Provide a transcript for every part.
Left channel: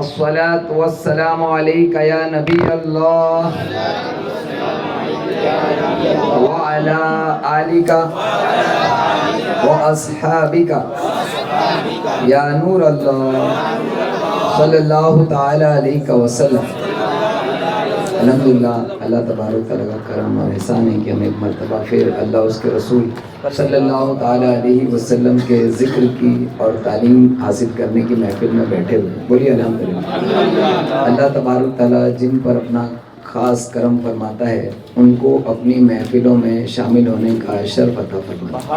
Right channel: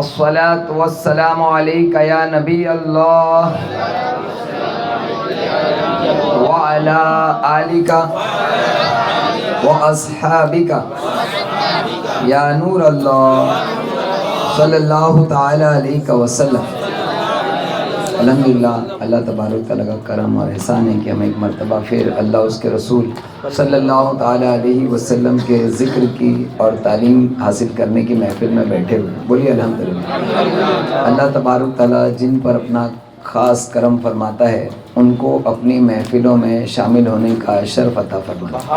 الصلاة والسلام عليك يا نبي الله وعلى آلك وأصحابك يا نور الله صلی اللہ تعالی علیہ وسلم۔ الحمدللہ اللہ تبارک تعالیٰ کا کرم اور احسان ہے کہ ہم ایک مرتبہ پھر اللہ اس کے رسول صلی اللہ تعالی علیہ وسلم کے ذکر کی اور تعلیم حاصل کرنے کی محفل میں بیٹھے ہوئے۔ بولیے الحمدللہ۔ اللہ تبارک تعالیٰ جن پر اپنا خاص کرم فرماتا ہے ان کو اپنی محفلوں میں شامل ہونے کا شرف عطا فرماتا ہے،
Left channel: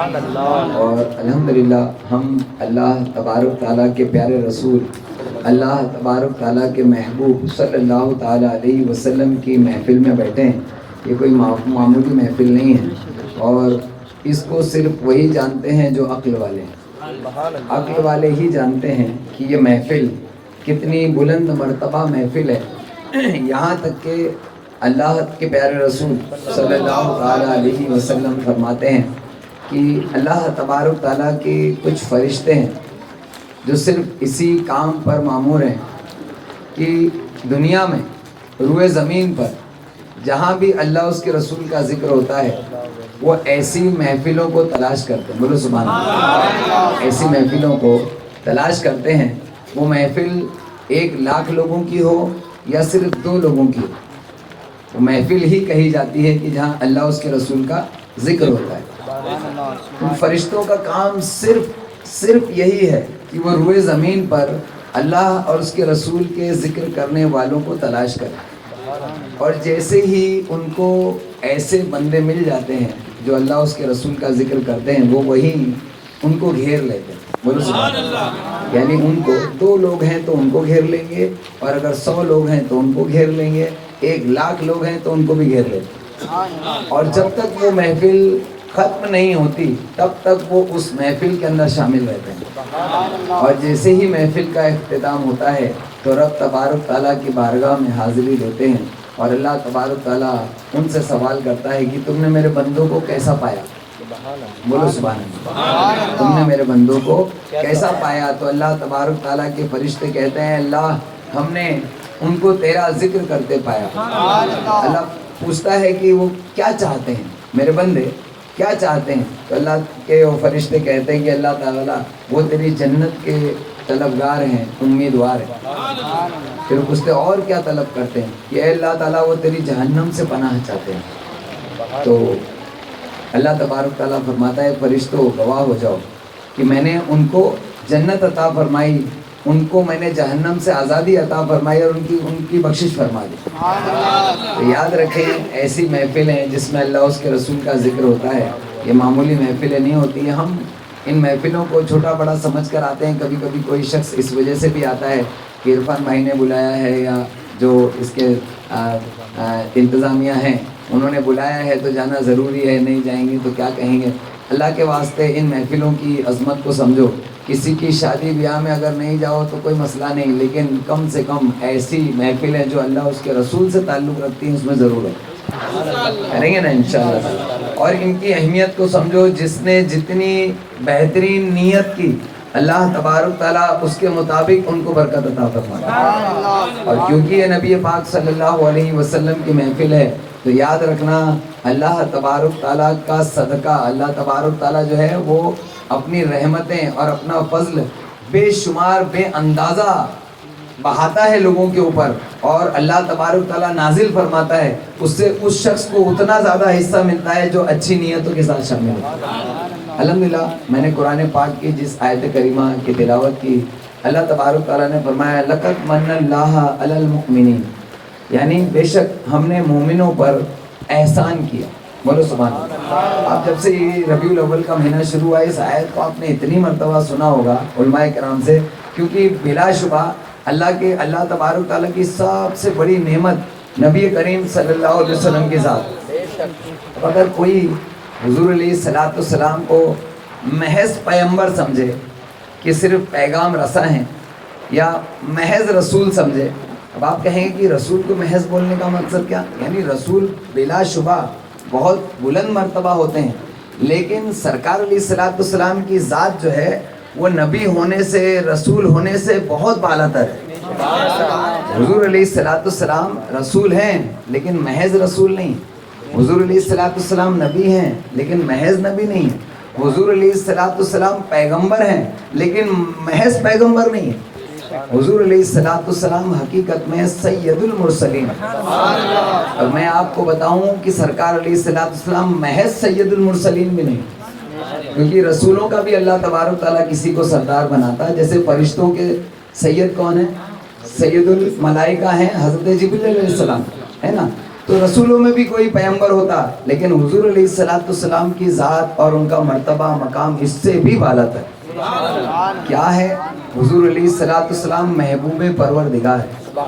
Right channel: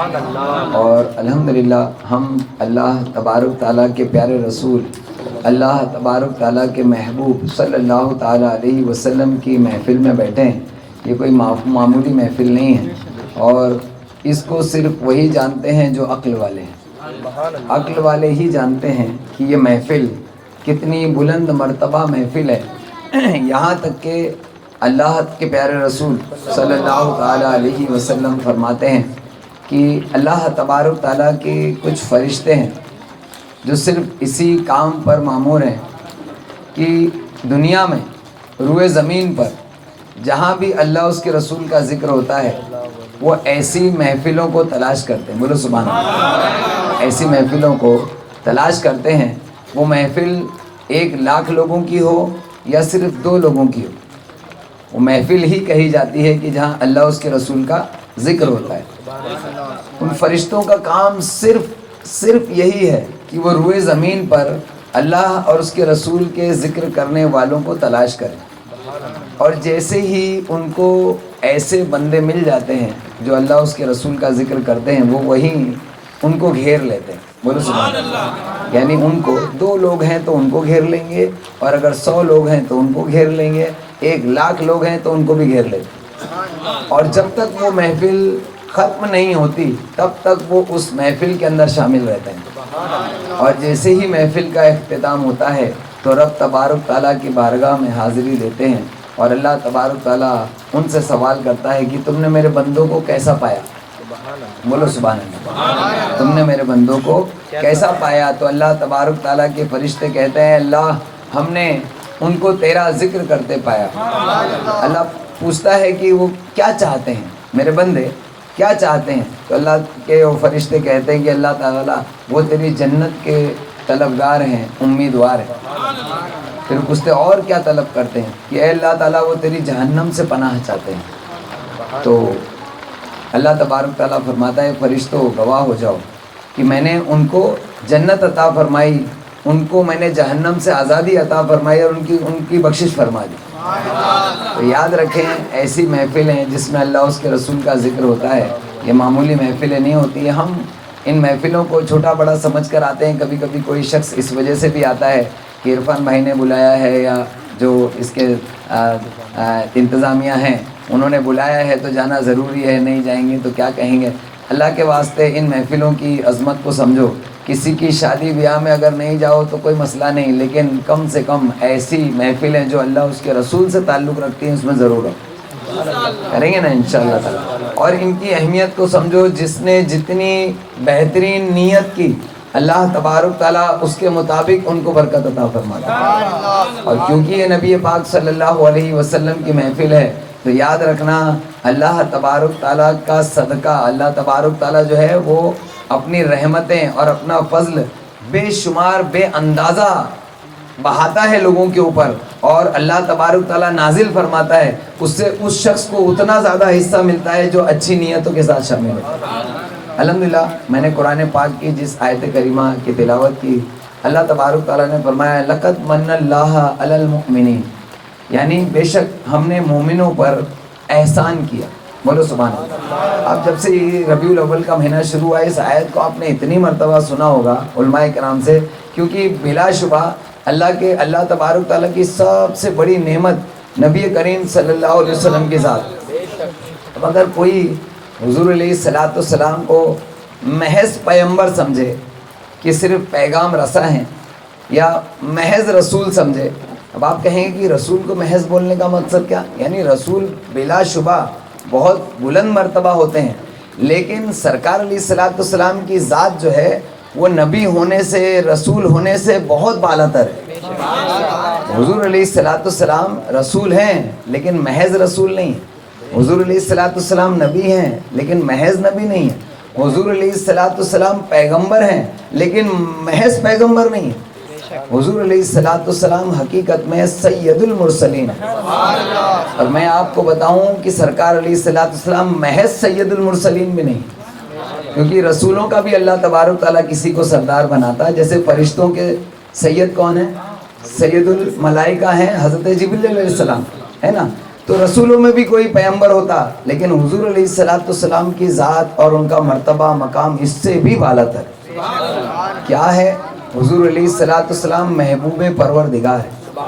اور الحمدللہ ہم اللہ تبارک تعالیٰ کے پیارے رسول اللہ تبارک تعالیٰ کے محبوب صلی اللہ تعالیٰ علیہ وسلم کی محفل میں بیٹھے ہیں۔ یہ کوئی معمولی محفل نہیں ہے، اور اس کو صرف وہی جانتے ہیں جو عقل والے ہیں۔ عقل والے ہی جانتے ہیں کہ یہ محفل کتنی بلند مرتبہ محفل ہے۔ یہاں تک کہ اللہ کے پیارے رسول صلی اللہ تعالیٰ علیہ وسلم فرماتے ہیں کہ اللہ تبارک تعالیٰ کے کچھ فرشتے ہیں جو صرف اسی کام پر مامور ہیں کہ دنیا میں روئے زمین پر جہاں بھی اللہ اس کے رسول کا ذکر ہوتا ہے وہ ایسی محفلوں کو تلاش کرتے ہیں۔ بولو سبحان اللہ۔ ایسی محفلوں کو تلاش کرتے ہیں، وہ محفل 1,00,000 لوگوں کی ہو یا صرف 2 لوگوں کی ہو، وہ محفل ہی کہی جاتی ہے کہ جہاں اللہ اس کے رسول کا ذکر ہوتا ہے۔ ان فرشتوں کا کام صرف یہی ہے کہ وہ روئے زمین پر اللہ اور اس کے رسول کے ذکر کرنے والوں کو تلاش کریں، اور جیسے ہی ان کو ایسے بندے مل جاتے ہیں جو اللہ اس کے رسول کا ذکر کرتے ہیں وہ وہیں ان کو گھیر لیتے ہیں۔ بولو سبحان اللہ۔ یعنی ان کو 2 لوگ ہیں تو ان کو گھیر لیں گے، اور اگر 100 لوگ ہیں تو ان کو گھیر لیں گے، 1,00,000 لوگ ہیں تو ان کو بھی گھیر لیتے ہیں، اور جب تک وہ محفل ختم نہیں ہوتی تب تک وہ اس محفل کے اندر شامل رہتے ہیں۔ اور جیسے ہی محفل کا اختتام ہوتا ہے تو رب تبارک تعالیٰ کی بارگاہ میں حاضری دیتے ہیں، اور اللہ تبارک تعالیٰ ان سے سوال کرتا ہے کہ تم نے میرے بندوں کو کیسا پایا؟ بولو سبحان اللہ۔ تم نے میرے بندوں کو کیسا پایا؟ تو اللہ تبارک تعالیٰ کے فرشتے کہتے ہیں اللہ ہم نے ان کو تیرا ذکر کرتے پایا۔ اللہ پوچھتا ہے کہ وہ کیا چاہتے ہیں، میرے بندے کیا چاہتے ہیں؟ تو اللہ کے وہ فرشتے کہتے ہیں کہ اللہ تعالیٰ وہ تیری جنت کے طلبگار ہیں، امیدوار ہیں۔ پھر پوچھتے اور کیا طلب کرتے ہیں کہ اے اللہ تعالیٰ وہ تیری جہنم سے پناہ چاہتے ہیں۔ تو اللہ تبارک تعالیٰ فرماتا ہے فرشتوں گواہ ہو جاؤ کہ میں نے ان کو جنت عطا فرمائی، ان کو میں نے جہنم سے آزادی عطا فرمائی، اور ان کی بخشش فرما دی۔ تو یاد رکھیں ایسی محفلیں جس میں اللہ اس کے رسول کا ذکر ہوتا ہے یہ معمولی محفلیں نہیں ہوتی ہیں۔ ہم ان محفلوں کو چھوٹا بڑا سمجھ کر آتے ہیں، کبھی کبھی کوئی شخص اس وجہ سے بھی آتا ہے کہ عرفان بھائی نے بلایا ہے یا جو اس کے انتظامیہ ہیں انہوں نے بلایا ہے تو جانا ضروری ہے، نہیں جائیں گے تو کیا کہیں گے۔ اللہ کے واسطے ان محفلوں کی عظمت کو سمجھو۔ کسی کی شادی بیاہ میں اگر نہیں جاؤ تو کوئی مسئلہ نہیں، لیکن کم سے کم ایسی محفلیں جو اللہ اس کے رسول سے تعلق رکھتی ہیں اس میں ضرور رہو، کریں گے نا انشاءاللہ۔ اور ان کی اہمیت کو سمجھو، جس نے جتنی بہترین نیت کی اللہ تبارک تعالیٰ اس کے مطابق ان کو برکت عطا فرماتا ہے۔ اور کیونکہ یہ نبی پاک صلی اللہ علیہ وسلم کی محفل ہے تو یاد رکھنا اللہ تبارک تعالیٰ کا صدقہ، اللہ تبارک تعالیٰ جو ہے وہ اپنی رحمتیں اور اپنا فضل بے شمار بے اندازہ بہاتا ہے لوگوں کے اوپر، اور اللہ تبارک تعالیٰ نازل فرماتا ہے، اس سے اس شخص کو اتنا زیادہ حصہ ملتا ہے جو اچھی نیتوں کے ساتھ شامل ہوتا ہے۔ الحمدللہ میں نے قرآن پاک کی جس آیت کریمہ کی تلاوت کی، اللہ تبارک تعالیٰ نے فرمایا لقد من اللہ علی المؤمنین، یعنی بے شک ہم نے مومنوں پر احسان کیا۔ بولو سبحان اللہ۔ اب جب سے یہ ربیع الاول کا مہینہ شروع ہوا اس آیت کو آپ نے اتنی مرتبہ سنا ہوگا علماء کرام سے، کیونکہ بلا شبہ اللہ تبارک تعالیٰ کی سب سے بڑی نعمت نبی کریم صلی اللہ علیہ وسلم کے ساتھ۔ اگر کوئی حضور علیہ السلام کو محض پیغمبر سمجھے کہ صرف پیغام رساں ہیں، یا محض رسول سمجھے، اب آپ کہیں گے کہ رسول کو محض بولنے کا مقصد کیا؟ یعنی رسول بلا شبہ بہت بلند مرتبہ ہوتے ہیں، لیکن سرکار علیہ السلام کی ذات جو ہے وہ نبی ہونے سے، رسول ہونے سے بہت بالا تر ہے۔ حضور علیہ السلام رسول ہیں لیکن محض رسول نہیں ہیں. حضور علیہ السلام نبی ہیں لیکن محض نبی نہیں ہیں. حضور علیہ السلام پیغمبر ہیں لیکن محض پیغمبر نہیں ہیں. حضور علیہ السلام حقیقت میں سید المرسلین ہیں. اور میں آپ کو بتاؤں کہ سرکار علیہ السلام محض سید المرسلین بھی نہیں، کیونکہ رسولوں کا بھی اللہ تبارک تعالیٰ کسی کو سردار بناتا ہے. جیسے فرشتوں کے سید کون ہیں؟ سید الملائکہ ہیں حضرت جبریل علیہ السلام، ہے نا. تو رسولوں میں بھی کوئی پیغمبر ہوتا لیکن حضور علیہ السلام کی ذات اور ان کا مرتبہ مقام اس سے بھی بالا تر. کیا ہے؟ حضور علیہ السلام محبوب پروردگار ہے،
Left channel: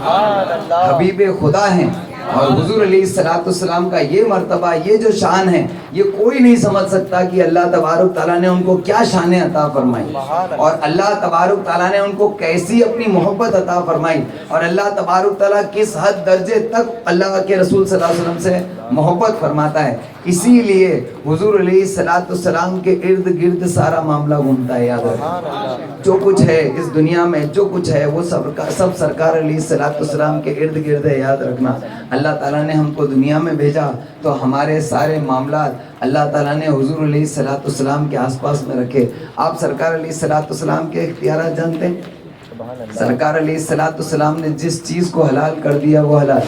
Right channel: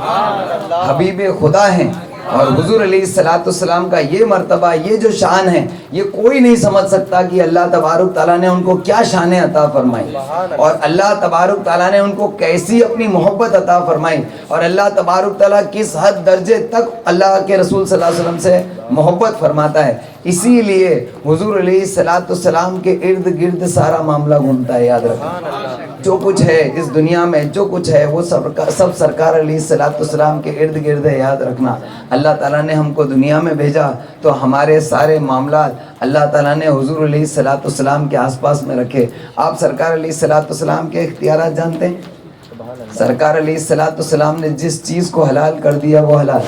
حبیب خدا ہیں. اور حضور علیہ السلام کا یہ مرتبہ، یہ جو شان ہے، یہ کوئی نہیں سمجھ سکتا کہ اللہ تبارک تعالیٰ نے ان کو کیا شان عطا فرمائی اور اللہ تبارک تعالیٰ نے ان کو کیسی اپنی محبت عطا فرمائی اور اللہ تبارک تعالیٰ کس حد درجے تک اللہ کے رسول صلی اللہ علیہ وسلم سے محبت فرماتا ہے. اسی لیے حضور علیہ السلام کے ارد گرد سارا معاملہ گھومتا ہے. یاد رکھیں جو کچھ ہے اس دنیا میں، جو کچھ ہے وہ سب سرکار علیہ السلام کے ارد گرد ہے. یاد رکھنا اللہ تعالیٰ نے ہم کو دنیا میں بھیجا تو ہمارے سارے معاملات اللہ تعالیٰ نے حضور علیہ السلام کے آس پاس میں رکھے. آپ سرکار علیہ السلام کے اختیارات جانتے ہیں؟ سرکار علیہ السلام نے جس چیز کو حلال کر دیا وہ حلال،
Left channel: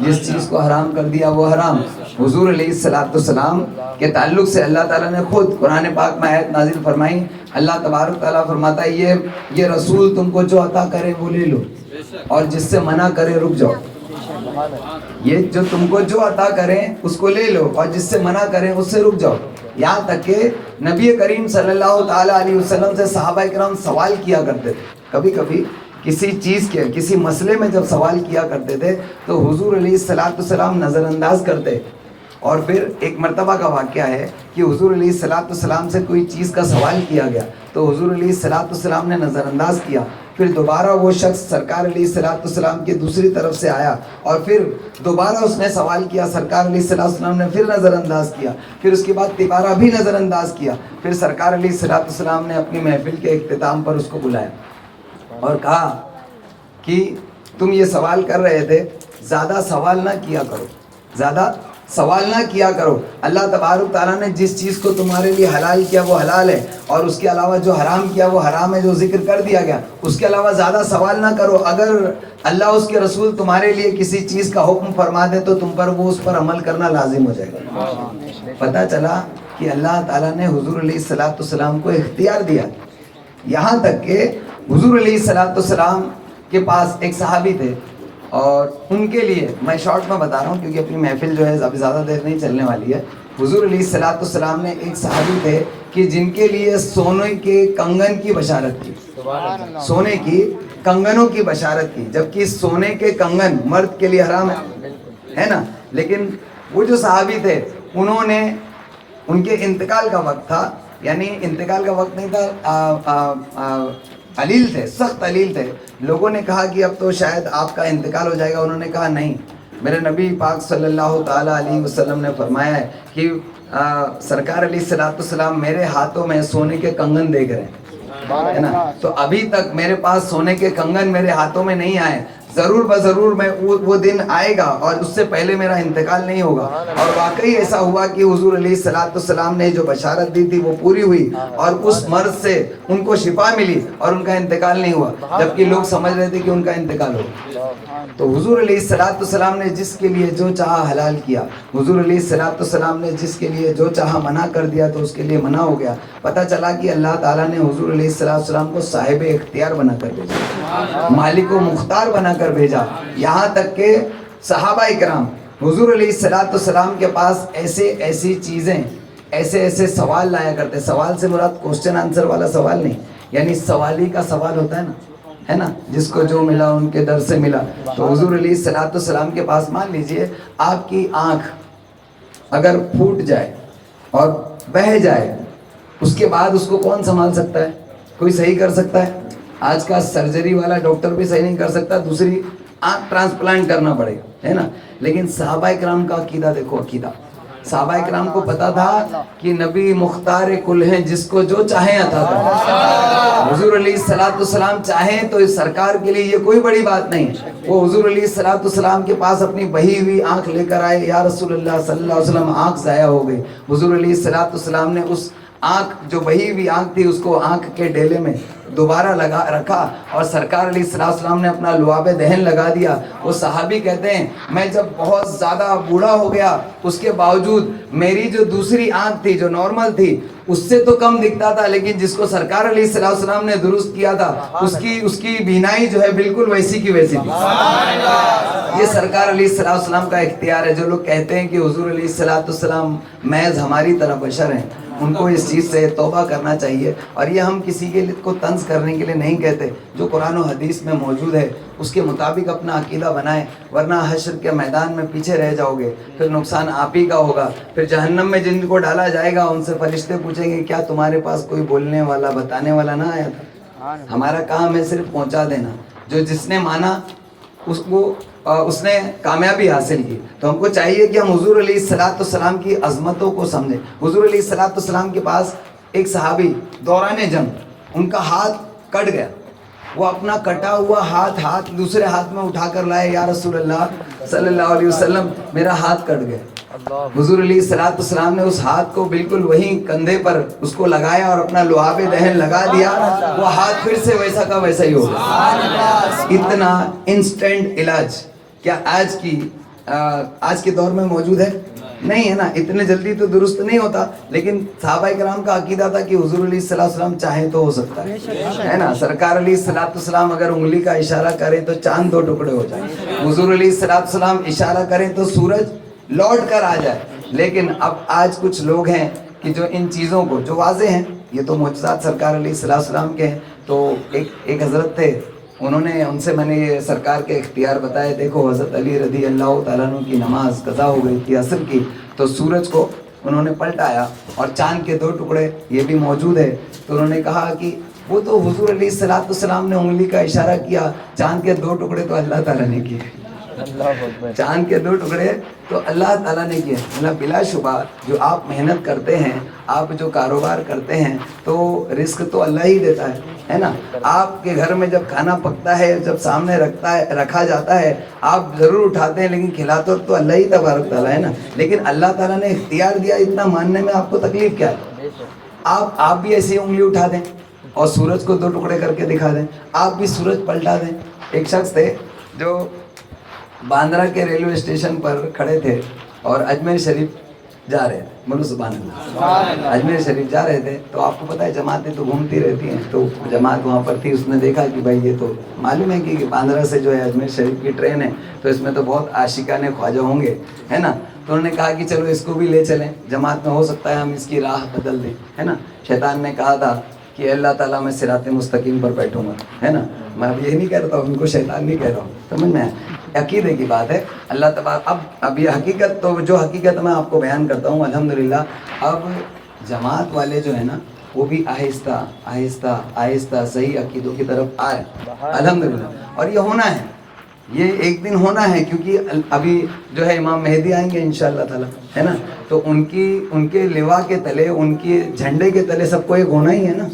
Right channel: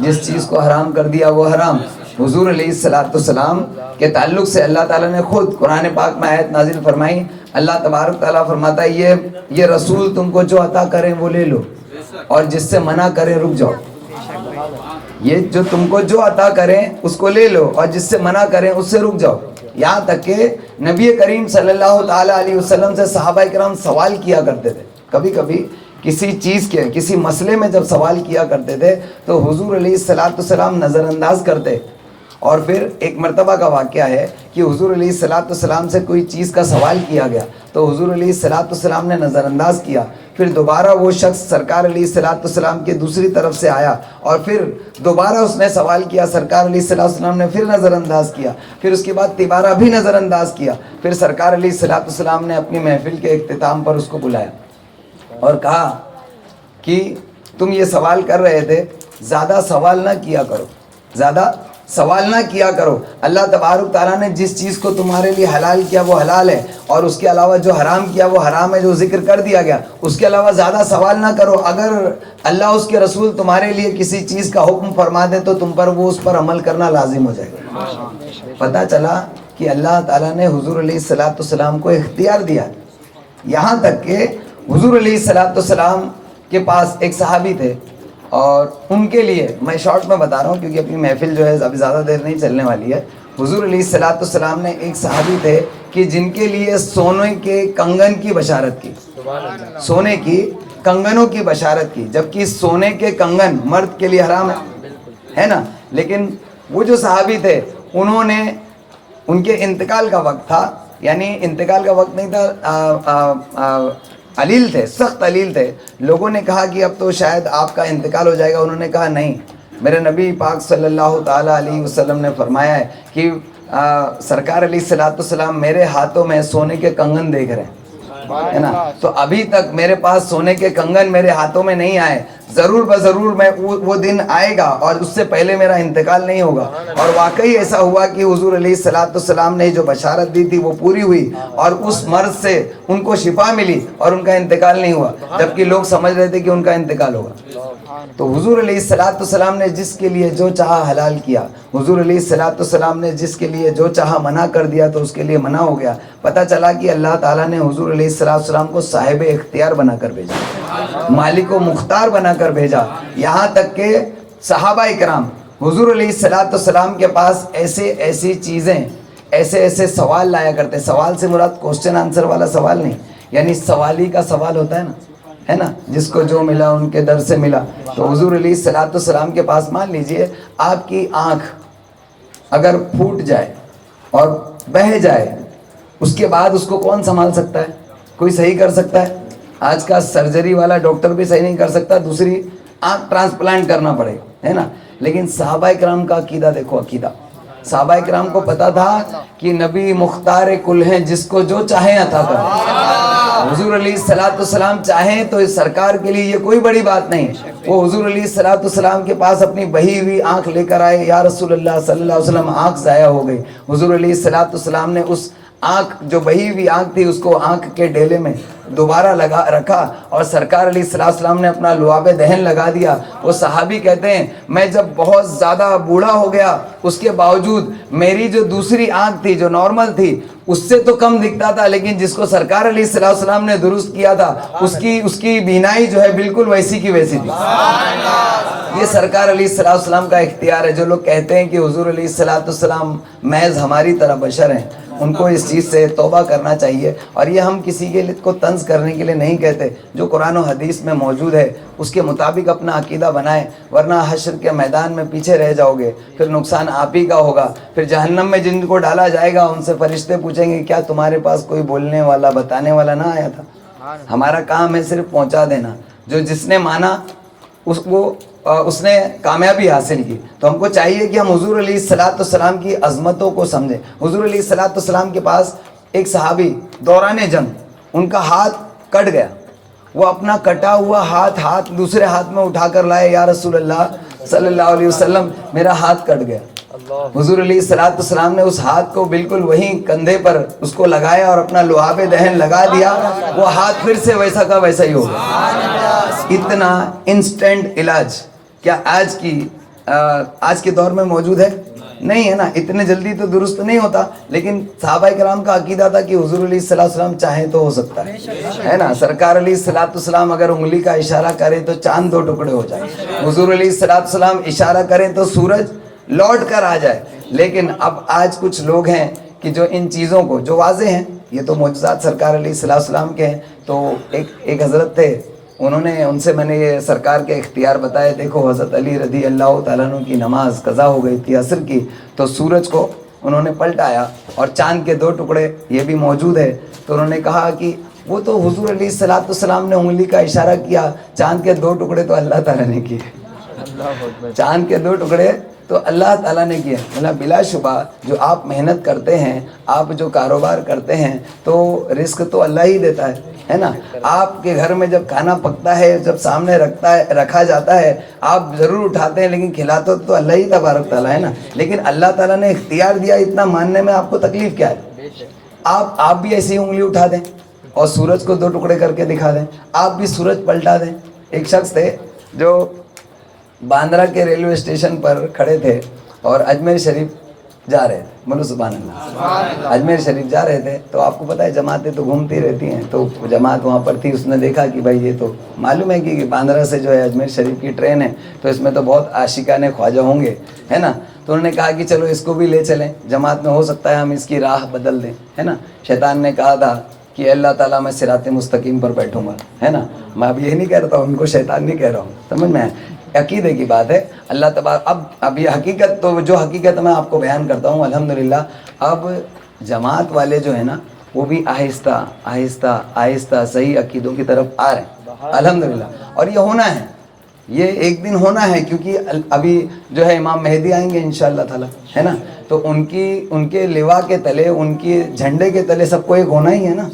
جس چیز کو حرام کر دیا وہ حرام. حضور علیہ السلام کے تعلق سے اللہ تعالیٰ نے خود قرآن پاک میں آیت نازل فرمائی. اللہ تبارک تعالیٰ فرماتا ہے یہ رسول تم کو جو عطا کرے وہ لے لو اور جس سے منع کرے رک جاؤ. یہ جو تم کو جو عطا کریں اس کو لے لو اور جس سے منع کریں اس سے رک جاؤ. یہاں تک کہ نبی کریم صلی اللہ تعالیٰ علیہ وسلم سے صحابہ کرام سوال کیا کرتے تھے. کبھی کبھی کسی چیز کے کسی مسئلے میں جب سوال کیا کرتے تھے تو حضور علیہ السلام نظر انداز کرتے. اور پھر ایک مرتبہ کا واقعہ ہے کہ حضور علیہ السلام سے کوئی چیز کا سوال کیا گیا تو حضور علیہ السلام نے نظر انداز کیا. پھر دوبارہ وہ شخص سرکار علیہ السلام کے دوسری طرف سے آیا اور پھر دوبارہ اس نے سوال کیا. سرکار علیہ السلام نے پھر نظر انداز کیا. پھر اس کے بعد دوبارہ بھی نظر انداز کیا. پھر سرکار علیہ السلام نے اپنی محفل کے اختتام پر اس کو بلایا اور کہا کہ تم یہ سوال کر رہے تھے، زیادہ سوال نہ کیا کرو، زیادہ سوال نہ کیا کرو. اللہ تبارک تعالیٰ نے جس چیز کو تمہارے لیے حلال کیا وہ حلال ہے اور اس کے علاوہ جو حرام کیا وہ حرام ہے، جو ذکر کر دیا گیا. اس کے علاوہ زیادہ سوال نہ کرو. اگر اللہ اس کے رسول تمہارے لیے کسی چیز کا حکم فرما دے تو تم پر وہ اس پر عمل کرنا لازم ہو جائے گا. پتہ چلا کہ اللہ تعالیٰ نے حضور علیہ السلام کو اختیار دیا. یہاں تک کہ حضور علیہ السلام کے پاس ایک صحابی تھے اور ان کے لیے میں شارٹ میں بتا رہا ہوں کیونکہ اپنی محفل جو ہے ابھی زیادہ دیر نہیں چلنے والی ہے. حضور علیہ السلام نے ایک صحابی تھے کہ جن کے لیے سونے کے کنگن کی بشارت کی، سونے کی کنگنوں کی بشارت کی، جبکہ سونے کے کنگن مرد کے لیے حرام ہے نا. لیکن وہ جو صحابی تھے انہوں نے، ان کے انتقال کا وقت تھا، یعنی انتقال کا وقت نہیں تھا، علیل تھے، سخت علیل تھے. لوگوں نے کہا کہ اب تو شاید آپ کا انتقال ہو جائے گا. انہوں نے کہا نہیں، میرے نبی پاک صلی اللہ تعالیٰ علیہ وسلم نے فرمایا ہے کہ سرکار علیہ السلام میرے ہاتھوں میں سونے کے کنگن دیکھ رہے ہیں، ہے نا. تو ابھی تک میرے پاس سونے کے کنگن میرے ہاتھوں میں نہیں آئے. ضرور بضرور میں وہ دن آئے گا اور اس سے پہلے میرا انتقال نہیں ہوگا. اور واقعی ایسا ہوا کہ حضور علیہ السلام نے جو بشارت دی تھی وہ پوری ہوئی اور اس مرض سے ان کو شفا ملی اور ان کا انتقال نہیں ہوا، جبکہ لوگ سمجھ رہے تھے کہ ان کا انتقال ہوگا. تو حضور علیہ السلام نے جس کے لیے جو چاہا حلال کیا، حضور علیہ السلام نے جس کے لیے جو چاہا منع کر دیا تو اس کے لیے منع ہو گیا. پتہ چلا کہ اللہ تعالیٰ نے حضور علیہ السلام کو صاحب اختیار بنا کر بھیجا، مالک و مختار بنا کر بھیجا. یہاں تک کہ صحابہ اکرام حضور علیہ السلام کے پاس ایسی چیزیں، ایسے سوال لایا کرتے. سوال سے مراد کوسچن آنسر والا سوال نہیں، یعنی سوالی کا سوال ہوتا ہے نا، جس کو جو ملا ان کے در سے ملا. تو حضور علیہ السلام کے پاس مان لیجئے آپ کی آنکھ اگر پھوٹ جائے اور بہہ جائے، اس کے بعد اس کو کون سنبھال سکتا ہے؟ کوئی صحیح کر سکتا ہے؟ آج کا سرجری والا ڈاکٹر بھی صحیح نہیں کر سکتا، دوسری آنکھ ٹرانسپلانٹ کرنا پڑے، ہے نا. لیکن صحابہ کرام کا عقیدہ دیکھو، عقیدہ صحابہ کرام کو پتا تھا کہ نبی مختار کل ہیں، جس کو جو چاہیں عطا کریں۔ حضور علیہ السلام چاہیں تو اس سرکار کے لیے یہ کوئی بڑی بات نہیں۔ وہ حضور علیہ السلام کے پاس اپنی بہی ہوئی آنکھ لے کر آئے، یا رسول اللہ صلی اللہ علیہ وسلم آنکھ ضائع ہو گئی۔ حضور علیہ السلام نے اس آنکھ جو بہی ہوئی آنکھ تھی اس کو آنکھ کے ڈیلے میں دوبارہ لگا رکھا، اور سرکار علیہ السلام نے اپنا لعاب دہن لگا دیا۔ وہ صحابی کہتے ہیں میں جب بہت زیادہ بوڑھا ہو گیا اس کے باوجود میری جو دوسری آنکھ تھی جو نارمل تھی اس سے تو کم دکھتا تھا، لیکن جس کو سرکار علیہ السلام نے درست کیا تھا اس کی بینائی جو ہے بالکل ویسی کی ویسی تھی۔ یہ سرکار علیہ السلام کا اختیار ہے۔ جو لوگ کہتے ہیں کہ حضور علیہ السلام محض ہماری طرح بشر ہیں، ان کو اس چیز سے توبہ کرنا چاہیے، اور یہ ہم کسی کے کو طنز کرنے کے لیے نہیں کہتے۔ جو قرآن و حدیث میں موجود ہے اس کے مطابق اپنا عقیدہ بنائیں، ورنہ حشر کے میدان میں پیچھے رہ جاؤ گے، پھر نقصان آپ ہی کا ہوگا۔ پھر جہنم میں جن کو ڈالا جائے گا ان سے فرشتے پوچھیں گے کیا تمہارے پاس کوئی بولنے والا بتانے والا نہ آیا تھا؟ ہمارا کام ہے صرف پہنچا دینا۔ جو جس نے مانا اس نے کامیابی حاصل کی۔ تو ہم کو چاہیے کہ ہم حضور علیہ السلام کی عظمتوں کو سمجھیں۔ حضور علیہ السلام کے پاس ایک صحابی دوران جنگ ان کا ہاتھ کٹ گیا، وہ اپنا کٹا ہوا ہاتھ دوسرے ہاتھ میں اٹھا کر لائے، یا رسول اللہ صلی اللہ علیہ وسلم میرا ہاتھ کٹ گیا۔ حضور علیہ السلام نے اس ہاتھ کو بالکل وہیں کندھے پر اس کو لگایا اور اپنا لعاب دہن لگا دیا، وہ ہاتھ پھر سے ویسا کا ویسا ہی ہو گیا۔ اتنا انسٹنٹ علاج کیا آج کے دور میں موجود ہے؟ نہیں ہے نا، اتنے جلدی تو درست نہیں ہوتا، لیکن صحابہ کرام کا عقیدہ تھا کہ حضور علیہ السلام چاہیں تو ہو سکتا ہے نا۔ سرکار علیہ السلام اگر انگلی کا اشارہ کرے تو چاند 2 ٹکڑے ہو جائیں، حضور علیہ السلام اشارہ کریں تو سورج لوٹ کر آ جائے۔ لیکن اب آج کچھ لوگ ہیں کہ جو ان چیزوں کو جو واضح ہیں، یہ تو معجزات سرکار علیہ السلام کے ہیں۔ تو ایک حضرت تھے، ان سے میں نے یہ سرکار کے اختیار بتائے۔ دیکھو حضرت علی رضی اللہ تعالیٰ عنہ کی نماز قضا ہو گئی تھی عصر کی، تو سورج کو انہوں نے پلٹایا اور چاند کے 2 ٹکڑے یہ بھی موجود ہے۔ تو انہوں نے کہا کہ وہ تو حضور علیہ السلام نے انگلی کا اشارہ کیا، چاند کے 2 ٹکڑے تو اللہ تعالیٰ نے کیے، چاند کے 2 ٹکڑے تو اللہ تعالیٰ نے کیا۔ بلا شبہ جو آپ محنت کرتے ہیں، آپ جو کاروبار کرتے ہیں، تو رزق تو اللہ ہی دیتا ہے نا۔ آپ کے گھر میں جب کھانا پکتا ہے، جب سامنے رکھا جاتا ہے، آپ ضرور اٹھاتے ہیں، لیکن کھلاتے تو اللہ ہی تبارک تعالیٰ ہے نا۔ لیکن اللہ تعالیٰ نے اختیار دیا، اتنا ماننے میں آپ کو تکلیف کیا ہے؟ آپ بھی ایسی انگلی اٹھا دیں اور سورج کو 2 ٹکڑے کر کے دکھا دیں، آپ بھی سورج پلٹا دیں۔ ایک شخص تھے جو باندرا کے ریلوے اسٹیشن پر کھڑے تھے اور اجمیر شریف جا رہے تھے، بولو سبحان اللہ، اجمیر شریف جا رہے تھے۔ تو آپ کو پتہ ہے جماعتیں تو گھومتی رہتی ہیں، تو جماعت وہاں پر تھی، اس نے دیکھا کہ بھائی یہ تو معلوم ہے کہ باندرا سے جو ہے اجمیر شریف کی ٹرین ہے، تو اس میں تو بہت عاشقان خواجہ ہوں گے، ہے نا۔ تو انہوں نے کہا کہ چلو اس کو بھی لے چلیں جماعت میں، ہو سکتا ہے ہم اس کی راہ بدل دیں، ہے نا۔ شیطان نے کہا تھا کہ اللہ تعالیٰ میں صراط مستقیم پر بیٹھوں گا، ہے نا۔ میں اب یہ نہیں کہہ رہا ہوں، ان کو شیطان نہیں کہہ رہا ہوں، سمجھ میں عقیدے کی بات ہے۔ اللہ تبارک اب یہ حقیقت، تو جو حقیقت میں آپ کو بیان کرتا ہوں الحمدللہ، اب جماعت والے جو ہے نا وہ بھی آہستہ آہستہ آہستہ صحیح عقیدوں کی طرف آ رہے ہیں الحمدللہ، اور یہ ہونا ہے، یہ ایک دن ہونا ہے، کیونکہ ابھی جو ہے امام مہدی آئیں گے انشاءاللہ تعالی، ہے نا۔ تو ان کے لوا کے تلے، ان کے جھنڈے کے تلے سب کو ایک ہونا ہی ہے نا۔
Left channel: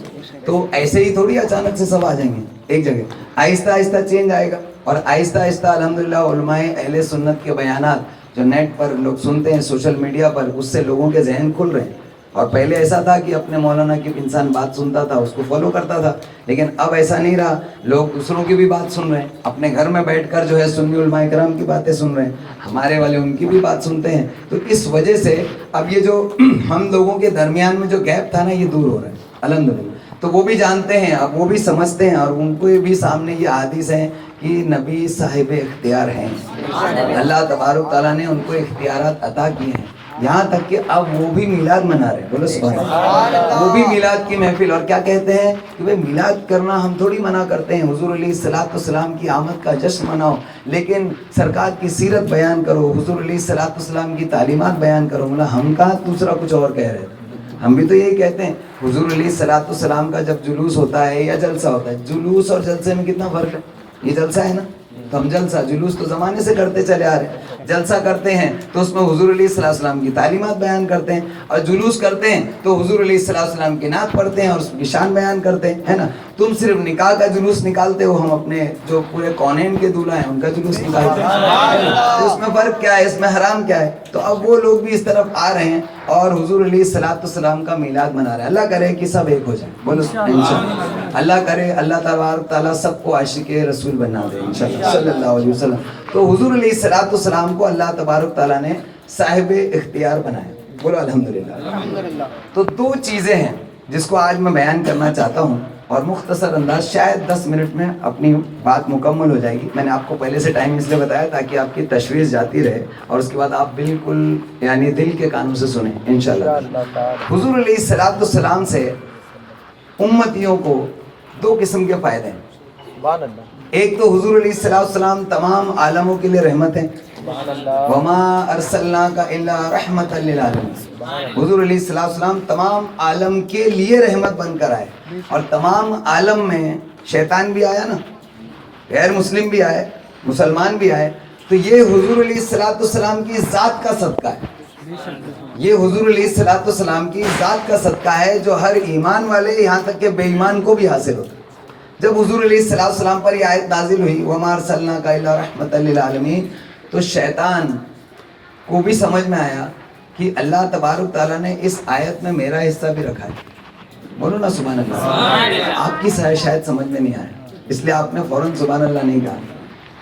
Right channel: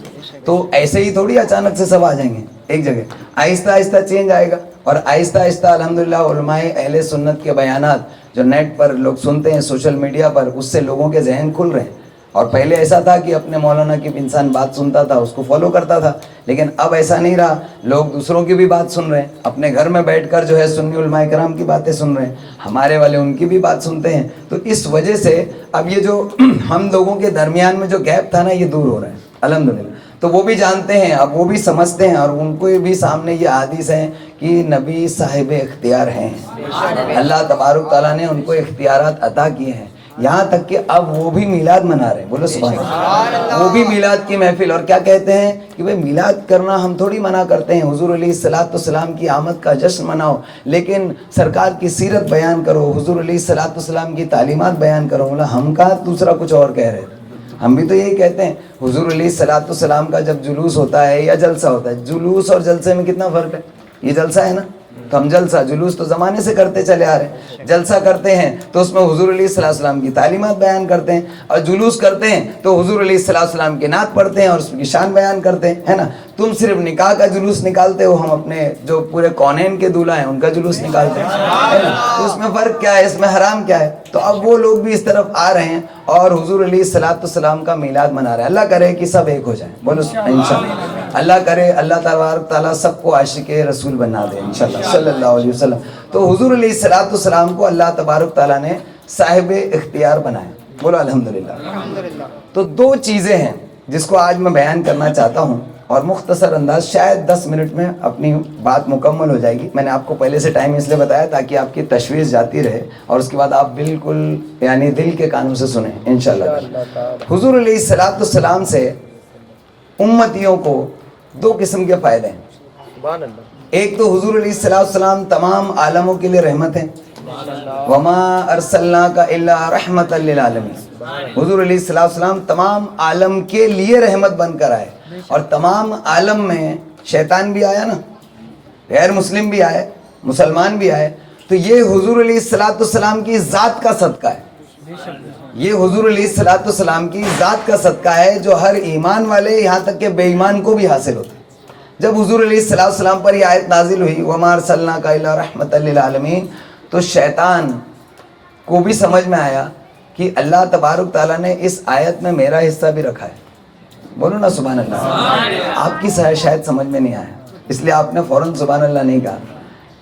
تو ایسے ہی تھوڑی اچانک سے سب آ جائیں گے ایک جگہ، آہستہ آہستہ چینج آئے گا، اور آہستہ آہستہ الحمدللہ علماء اہل سنت کے بیانات جو نیٹ پر لوگ سنتے ہیں، سوشل میڈیا پر، اس سے لوگوں کے ذہن کھل رہے ہیں۔ اور پہلے ایسا تھا کہ اپنے مولانا کی انسان بات سنتا تھا، اس کو فالو کرتا تھا، لیکن اب ایسا نہیں رہا، لوگ دوسروں کی بھی بات سن رہے ہیں، اپنے گھر میں بیٹھ کر جو ہے سنی علماء کرام کی باتیں سن رہے ہیں، ہمارے والے ان کی بھی بات سنتے ہیں۔ تو اس وجہ سے اب یہ جو ہم لوگوں کے درمیان میں جو گیپ تھا نا، یہ دور ہو رہا ہے الحمدللہ۔ تو وہ بھی جانتے ہیں، اب وہ بھی سمجھتے ہیں، اور ان کو بھی سامنے یہ حدیث ہے کہ نبی صاحب اختیار ہیں، اللہ تبارک تعالیٰ نے ان کو اختیارات عطا کیے ہیں، یہاں تک کہ اب وہ بھی میلاد منا رہے، بولو سبحان اللہ، وہ بھی میلاد کی محفل۔ اور کیا کہتے ہیں کہ بھئی میلاد کرنا ہم تھوڑی منع کرتے ہیں، حضور علیہ السلام کی آمد کا جشن مناؤ، لیکن سرکار کی سیرت بیان کرو، حضور علیہ السلام کی تعلیمات بیان کرو۔ ہم کہاں دوسرا کچھ اور کہہ رہے تھے، ہم بھی تو یہی کہتے ہیں۔ حضور علیہ السلام کا جب جلوس ہوتا ہے یا جلسہ ہوتا ہے، جلوس اور جلسے میں کتنا فرق ہے؟ یہ جلسہ ہے نا، تو ہم جلسہ جلوس تو زمانے سے کرتے چلے آ رہے ہیں. جلسہ کرتے ہیں تو اس میں حضور علیہ السلام کی تعلیمات بیان کرتے ہیں, اور جلوس کرتے ہیں تو حضور علیہ السلام کی نعت پڑھتے ہیں اور اس کی شان بیان کرتے ہیں, ہے نا. تم صرف نکاح کا جلوس نکالتے ہو, ہم اپنے جو پورے کونین کے دولہا ہیں ان کا جلوس نکالتے ہیں, ہے نا. تو اس میں فرق کیا ہے, اس میں حرام کیا ہے؟ تو اب وہ لوگ بھی اس طرف آ رہے ہیں اور حضور علیہ السلام کا میلاد منا رہے ہیں. اللہ کرے کہ سب ایک ہو جائیں, بولو انشاءاللہ. اللہ کرے اللہ تبارک تعالیٰ سب کو عاشق رسول بنا دے انشاءاللہ صلی اللہ علیہ وسلم. تو حضور علیہ السلام کو اللہ تبارک تعالیٰ نے صاحب اختیار بنایا, بولو الحمدللہ. تو دو چیزیں ہیں جس کو آج میں بیان کرنا چاہتا ہوں, اور مختصر انداز, شاید 10 منٹ میں اپنی بات مکمل ہو جائے گی. میں نے آپ کو پہلے سے ٹائم اس لیے بتایا تاکہ آپ کی تشویش جاتی رہے اور اس کے بعد آپ بالکل یعنی دل کے کانوں سے سنیں انشاءاللہ. حضور علیہ السلام سے امتیوں کو دو قسم کے فائدے ہیں. ایک تو حضور علیہ السلام تمام عالموں کے لیے رحمت ہیں, وما ارسلناک الا رحمتا للعالمین. حضور علیہ السلام تمام عالم کے لیے رحمت بن کر آئے, اور تمام عالم میں شیطان بھی آیا نا, غیر مسلم بھی آئے, مسلمان بھی آئے, تو یہ حضور علیہ السلام کی ذات کا صدقہ ہے. یہ حضور علیہ السلام کی ذات کا صدقہ ہے جو ہر ایمان والے یہاں تک کہ بے ایمان کو بھی حاصل ہوتا ہے. جب حضور علیہ السلام پر یہ آیت نازل ہوئی وَمَا أَرْسَلْنَاكَ إِلَّا رَحْمَةً لِّلْعَالَمِينَ, تو شیطان کو بھی سمجھ میں آیا کہ اللہ تبارک تعالیٰ نے اس آیت میں میرا حصہ بھی رکھا ہے. بولو نا سبحان اللہ. آپ کی شاید سمجھ میں نہیں آیا, اس لیے آپ نے فوراً سبحان اللہ نہیں کہا.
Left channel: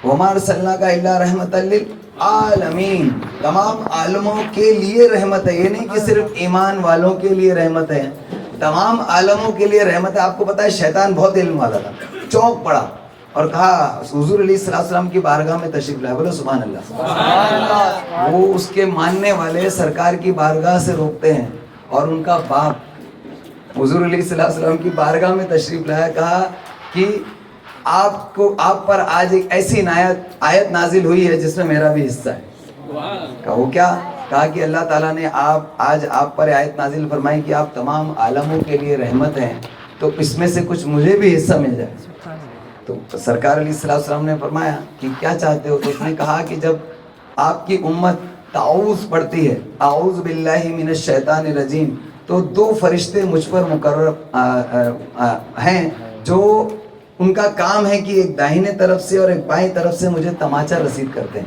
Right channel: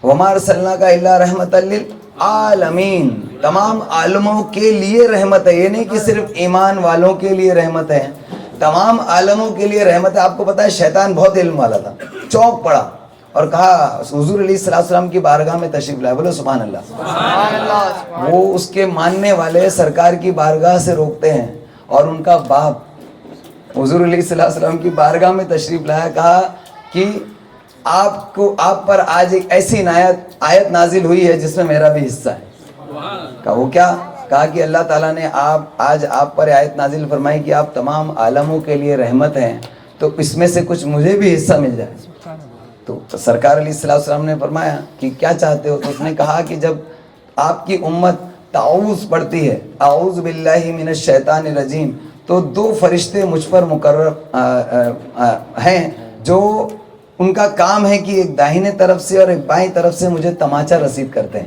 وَمَا أَرْسَلْنَاكَ إِلَّا رَحْمَةً لِّلْعَالَمِينَ, تمام عالموں کے لیے رحمت ہے. یہ نہیں کہ صرف ایمان والوں کے لیے رحمت ہے, تمام عالموں کے لیے رحمت ہے. آپ کو پتا ہے شیطان بہت علم والا تھا, چونک پڑا اور کہا حضور علیہ السلام کی بارگاہ میں تشریف لائے, بولو سبحان اللہ. وہ اس کے ماننے والے سرکار کی بارگاہ سے روکتے ہیں, اور ان کا باپ حضور علیہ السلام کی بارگاہ میں تشریف لایا, کہا کہ آپ پر آج ایک ایسی آیت نازل ہوئی ہے جس میں میرا بھی حصہ ہے. کہا وہ کیا؟ کہا کہ اللہ تعالیٰ نے آج آپ پر آیت نازل فرمائی کہ آپ تمام عالموں کے لیے رحمت ہیں, تو اس میں سے کچھ مجھے بھی حصہ مل جائے. تو سرکار علیہ السلام نے فرمایا کہ کیا چاہتے ہو؟ تو اس نے کہا کہ جب آپ کی امت تعوذ پڑھتی ہے, اعوذ باللہ من الشیطان الرجیم, تو 2 فرشتے مجھ پر مقرر ہیں جو ان کا کام ہے کہ ایک داہنے طرف سے اور ایک بائیں طرف سے مجھے تماچا رسید کرتے ہیں.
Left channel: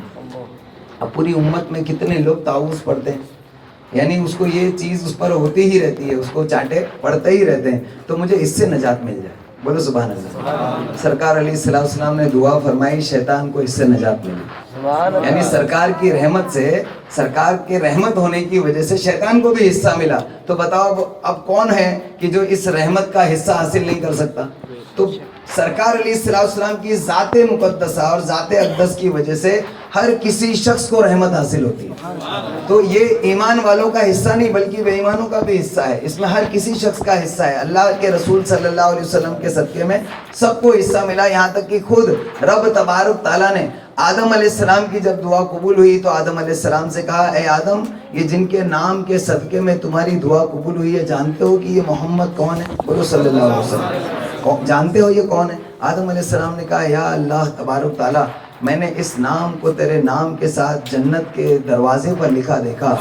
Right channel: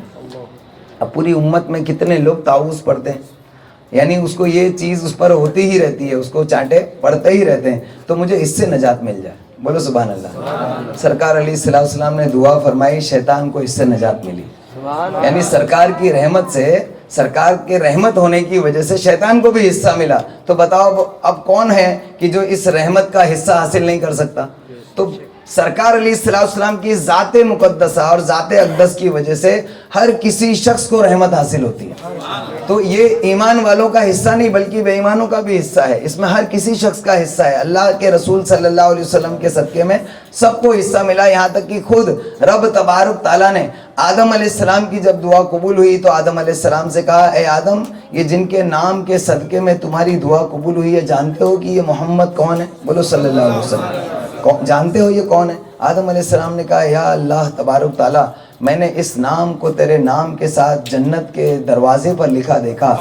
اب پوری امت میں کتنے لوگ تعوذ پڑھتے ہیں, یعنی اس کو یہ چیز اس پر ہوتی ہی رہتی ہے, اس کو چانٹے پڑھتے ہی رہتے ہیں, تو مجھے اس سے نجات مل جائے. بولو سبحان اللہ. سرکار علیہ السلام نے دعا فرمائی, شیطان کو اس سے نجات ملی. یعنی سرکار کی رحمت سے, سرکار کے رحمت ہونے کی وجہ سے شیطان کو بھی حصہ ملا. تو بتاؤ اب کون ہے کہ جو اس رحمت کا حصہ حاصل نہیں کر سکتا؟ تو سرکار علیہ السلام کی ذات مقدسہ اور ذات اقدس کی وجہ سے ہر کسی شخص کو رحمت حاصل ہوتی ہے. تو یہ ایمان والوں کا حصہ نہیں بلکہ بے ایمانوں کا بھی حصہ ہے, اس میں ہر کسی شخص کا حصہ ہے. اللہ کے رسول صلی اللہ علیہ وسلم کے صدقے میں سب کو حصہ ملا, یہاں تک کہ خود رب تبارک تعالیٰ نے آدم علیہ السلام کی جب دعا قبول ہوئی تو آدم علیہ السلام سے کہا, اے آدم, یہ جن کے نام کے صدقے میں تمہاری دعا قبول ہوئی ہے, جانتے ہو کہ یہ محمد کون ہے؟ بولو صلی اللہ علیہ وسلم. جانتے ہو یہ کون ہے؟ آدم علیہ السلام نے کہا, یا اللہ تبارک تعالیٰ, میں نے اس نام کو تیرے نام کے ساتھ جنت کے دروازے پر لکھا دیکھا,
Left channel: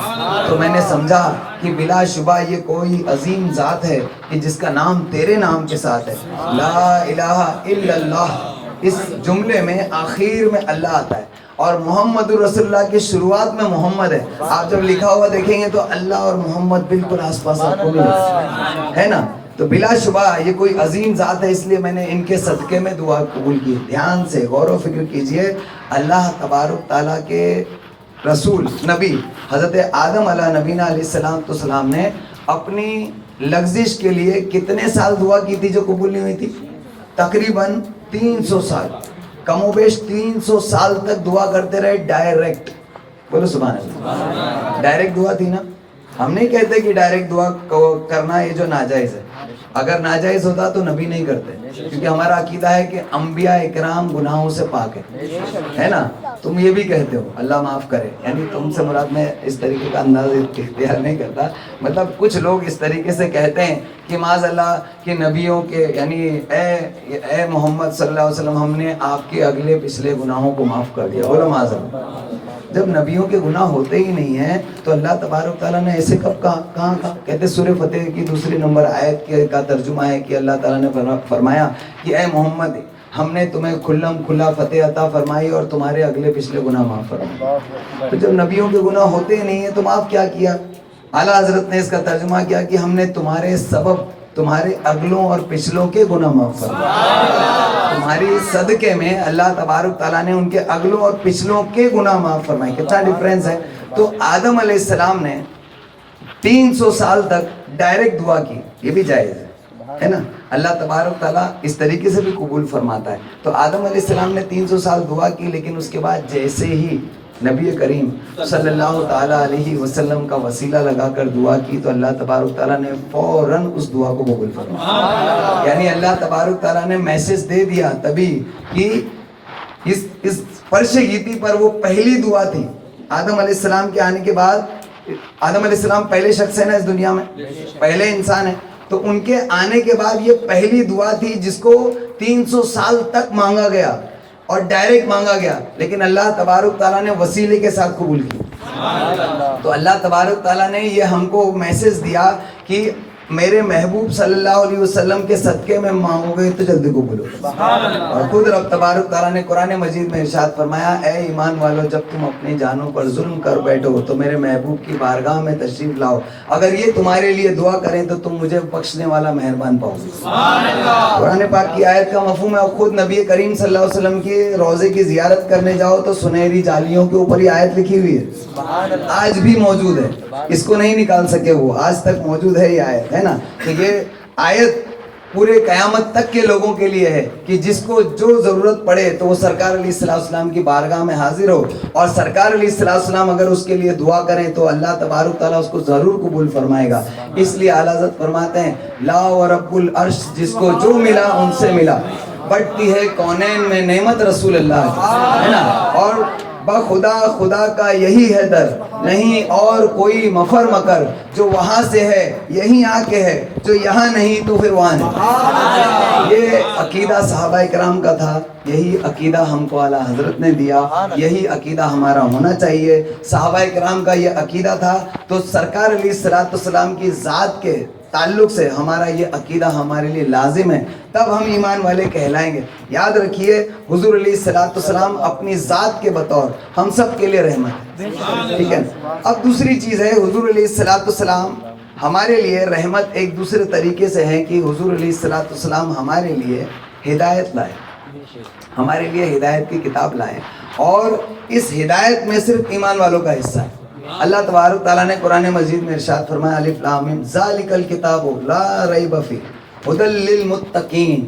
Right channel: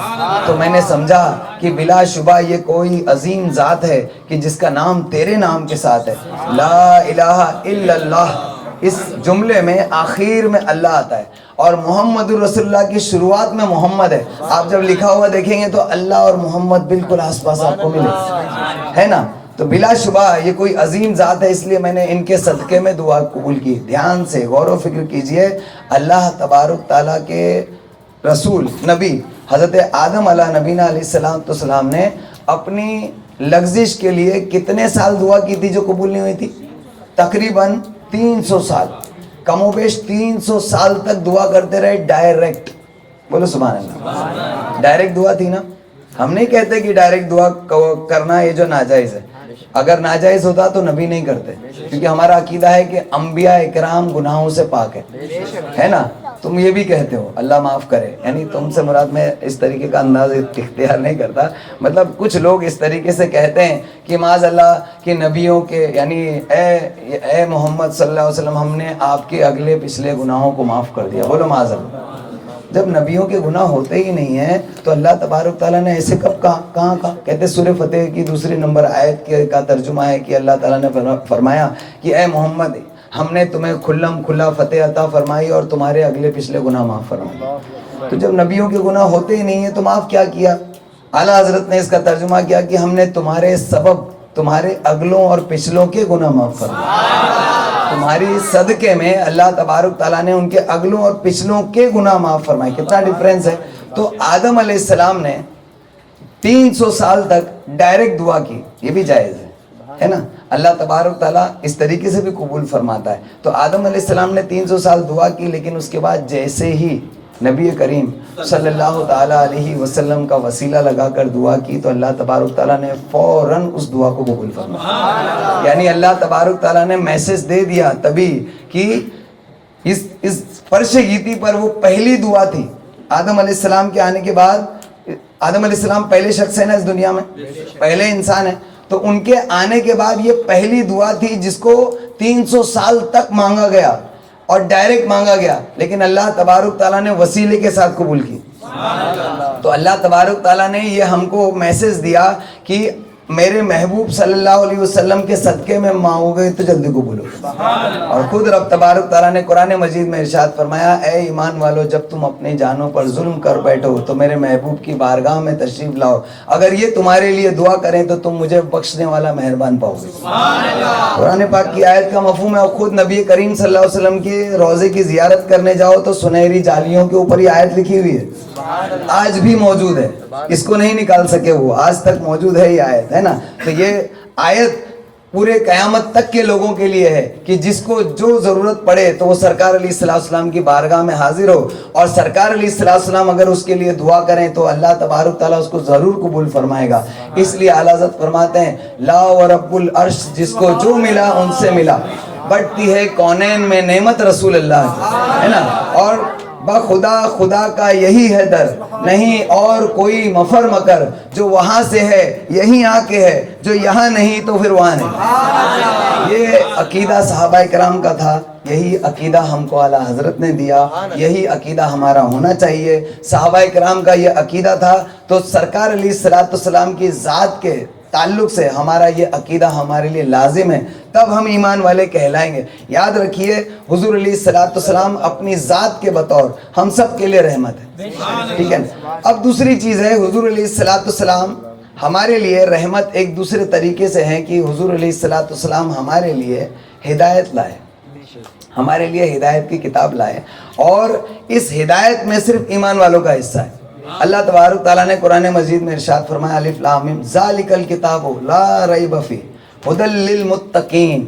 تو میں نے سمجھا کہ بلا شبہ یہ کوئی عظیم ذات ہے کہ جس کا نام تیرے نام کے ساتھ ہے. لا الہ الا اللہ, اس جملے میں آخر میں اللہ آتا ہے, اور محمد رسول اللہ کی شروعات میں محمد ہے. آپ جب لکھا ہوا دیکھیں گے تو اللہ اور محمد بالکل آس پاس آپ کو ملے, ہے نا. تو بلا شبہ یہ کوئی عظیم ذات ہے, اس لیے میں نے ان کے صدقے میں دعا قبول کی. دھیان سے غور و فکر کیجئے, اللہ تبارک تعالیٰ کے رسول نبی حضرت آدم علیہ نبینا علیہ السلام نے اپنی لغزش کے لیے کتنے سال دعا کی تھی جو قبول نہیں ہوئی تھی؟ تقریباً 300 سال, کم و بیش 300 سال تک دعا کرتے رہے ڈائریکٹ. بولو سبحان اللہ. ڈائریکٹ دعا تھی نا, ہم نہیں کہتے کہ ڈائریکٹ دعا کرنا یہ جو ناجائز ہے, اگر ناجائز ہوتا تو نبی نہیں کرتے، کیونکہ ہمارا عقیدہ ہے کہ انبیاء اکرام گناہوں سے پاک ہے نا. تم یہ بھی کہتے ہو اللہ معاف کرے، یعنی تم سے مراد، میں اس طریقے کا انداز اختیار نہیں کرتا، مطلب کچھ لوگ اس طریقے سے کہتے ہیں کہ معاذ اللہ کہ نبیوں کے، یعنی اے محمد صلی اللہ علیہ وسلم ہم نے آپ کے اگلے پچھلے گناہوں کو معاف کر دیا. بولو معاذ اللہ. جب نبیوں کے گناہ ہوتے ہی نہیں ہیں تو اللہ تبارک تعالیٰ نے ایسے کب کہاں کہتے سورہ فتح کی 2 نمبر آیت کا ترجمہ ہے کہ اللہ تعالیٰ نے فرمایا کہ اے محمد ہم نے تمہیں کھلا فتح عطا فرمائی اور تمہارے اگلے پچھلے گناہ معاف فرمائے. تو جب نبیوں کے گناہ ہوتے ہی نہیں ہیں تو معاف کیا کیا؟ اعلیٰ حضرت نے اس کا ترجمہ کیا کہ ہم نے تمہارے سبب تمہارے اگلوں اور پچھلوں کے گناہ معاف فرمائے. تمہاری صدقے میں اللہ تبارک تعالیٰ نے ان کے اگلوں اور پچھلوں کے گناہ معاف فرمائے. کتنا ڈیفرنس ہے. تو آدم علیہ السلام نے 300 سال تک ڈائریکٹ دعا کی، یہ بھی جائز ہے نا. اللہ تبارک تعالیٰ اس طریقے سے بھی قبول فرماتا ہے. تو آدم علیہ السلام نے 300 سال دعا کی، لیکن اس کے بعد جیسے ہی نبی کریم صلی اللہ تعالیٰ علیہ وسلم کا وسیلہ لگا کر دعا کی تو اللہ تبارک تعالیٰ نے فوراً اس دعا کو قبول فرمایا. یعنی اللہ تبارک تعالیٰ نے میسج دے دیا تبھی کہ اس فرش گیتی پر وہ پہلی دعا تھی. آدم علیہ السلام کے آنے کے بعد، آدم علیہ السلام پہلے شخص ہے نا اس دنیا میں، پہلے انسان ہے، تو ان کے آنے کے بعد یہ پہلی دعا تھی جس کو 300 سال تک مانگا گیا اور ڈائریکٹ مانگا گیا، لیکن اللہ تبارک تعالیٰ نے وسیلے کے ساتھ قبول کی. تو اللہ تبارک تعالیٰ نے یہ ہم کو میسج دیا کہ میرے محبوب صلی اللہ علیہ وسلم کے صدقے میں مانگو گے تو جلدی قبول ہوگا. اور خود رب تبارک تعالیٰ نے قرآن مجید میں ارشاد فرمایا اے ایمان والو جب تم اپنی جانوں پر ظلم کر بیٹھو تو میرے محبوب کی بارگاہ میں تشریف لاؤ، اگر یہ تمہارے لیے دعا کریں تو تم مجھے بخشنے والا مہربان پاؤ گے. قرآن پاک کی آیت کا مفہوم ہے. اور خود نبی کریم صلی اللہ علیہ وسلم کے روضے کی زیارت کرنے جاؤ تو سنہری جالیوں کے اوپر یہ آیت لکھی ہوئی ہے، آج بھی موجود ہے، اس کو نہیں نکال سکے، وہ آج تک موجود ہے یہ آیت ہے نا. تو یہ آیت پورے قیامت تک کے لوگوں کے لیے ہے کہ جس کو جو ضرورت پڑے تو وہ سرکار علیہ السلام کی بارگاہ میں حاضر ہو، اور سرکار علیہ السلام اگر اس کے لیے دعا کریں تو اللہ تبارک تعالیٰ اس کو ضرور قبول فرمائے گا. اس لیے اعلیٰ حضرت فرماتے ہیں لا و رب العرش جس کو جو ملا ان سے ملا، بڑھتی ہے کونین میں نعمت رسول اللہ ہے نا. اور بخدا خدا کا یہی ہے در، نہیں اور کوئی مفر مکر، جو وہاں سے ہے یہیں آ کے ہے، جو یہاں نہیں تو پھر وہاں نہیں. یہ عقیدہ صحابہ کرام کا تھا، یہی عقیدہ ہم کو اعلیٰ حضرت نے دیا، یہی عقیدہ ہمارا ہونا چاہیے. صحابہ کرام کا یہ عقیدہ تھا تو سرکار علیہ السلام کی ذات کے تعلق سے ہمارا یہ عقیدہ ہمارے لیے لازم ہے، تب ہم ایمان والے کہلائیں گے. یاد رکھیے حضور علیہ السلام اپنی ذات کے بطور ہم سب کے لیے رحمت ہے، ٹھیک ہے. اب دوسری چیز ہے حضور علیہ السلام ہمارے لیے رحمت ایک دوسرے طریقے سے ہے کہ حضور علیہ السلام ہمارے لیے ہدایت لائے، ہمارے لیے ہدایت کی کتاب لائے، اور اس ہدایت میں صرف ایمان والوں کا حصہ ہے. اللہ تبارک تعالیٰ نے قرآن مجید میں ارشاد فرمایا الف لام میم ذالک الکتاب لا ریب فیہ ھدی للمتقین،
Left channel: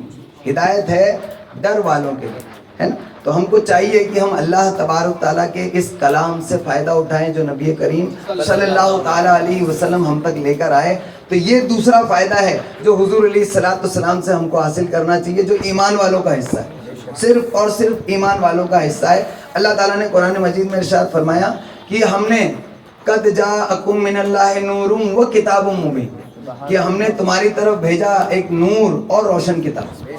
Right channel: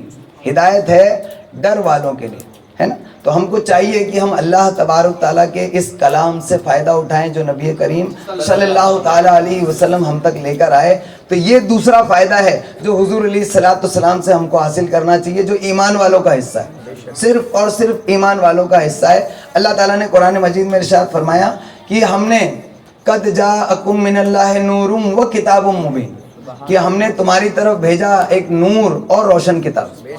ہدایت ہے ڈر والوں کے لیے ہے نا. تو ہم کو چاہیے کہ ہم اللہ تبارک تعالیٰ کے اس کلام سے فائدہ اٹھائیں جو نبی کریم صلی اللہ تعالیٰ علیہ وسلم ہم تک لے کر آئے. تو یہ دوسرا فائدہ ہے جو حضور علیہ السلام سے ہم کو حاصل کرنا چاہیے، جو ایمان والوں کا حصہ ہے، صرف اور صرف ایمان والوں کا حصہ ہے. اللہ تعالیٰ نے قرآن مجید میں ارشاد فرمایا کہ ہم نے قد جاءکم من اللہ نور و کتاب مبین، کہ ہم نے تمہاری طرف بھیجا ایک نور اور روشن کتاب.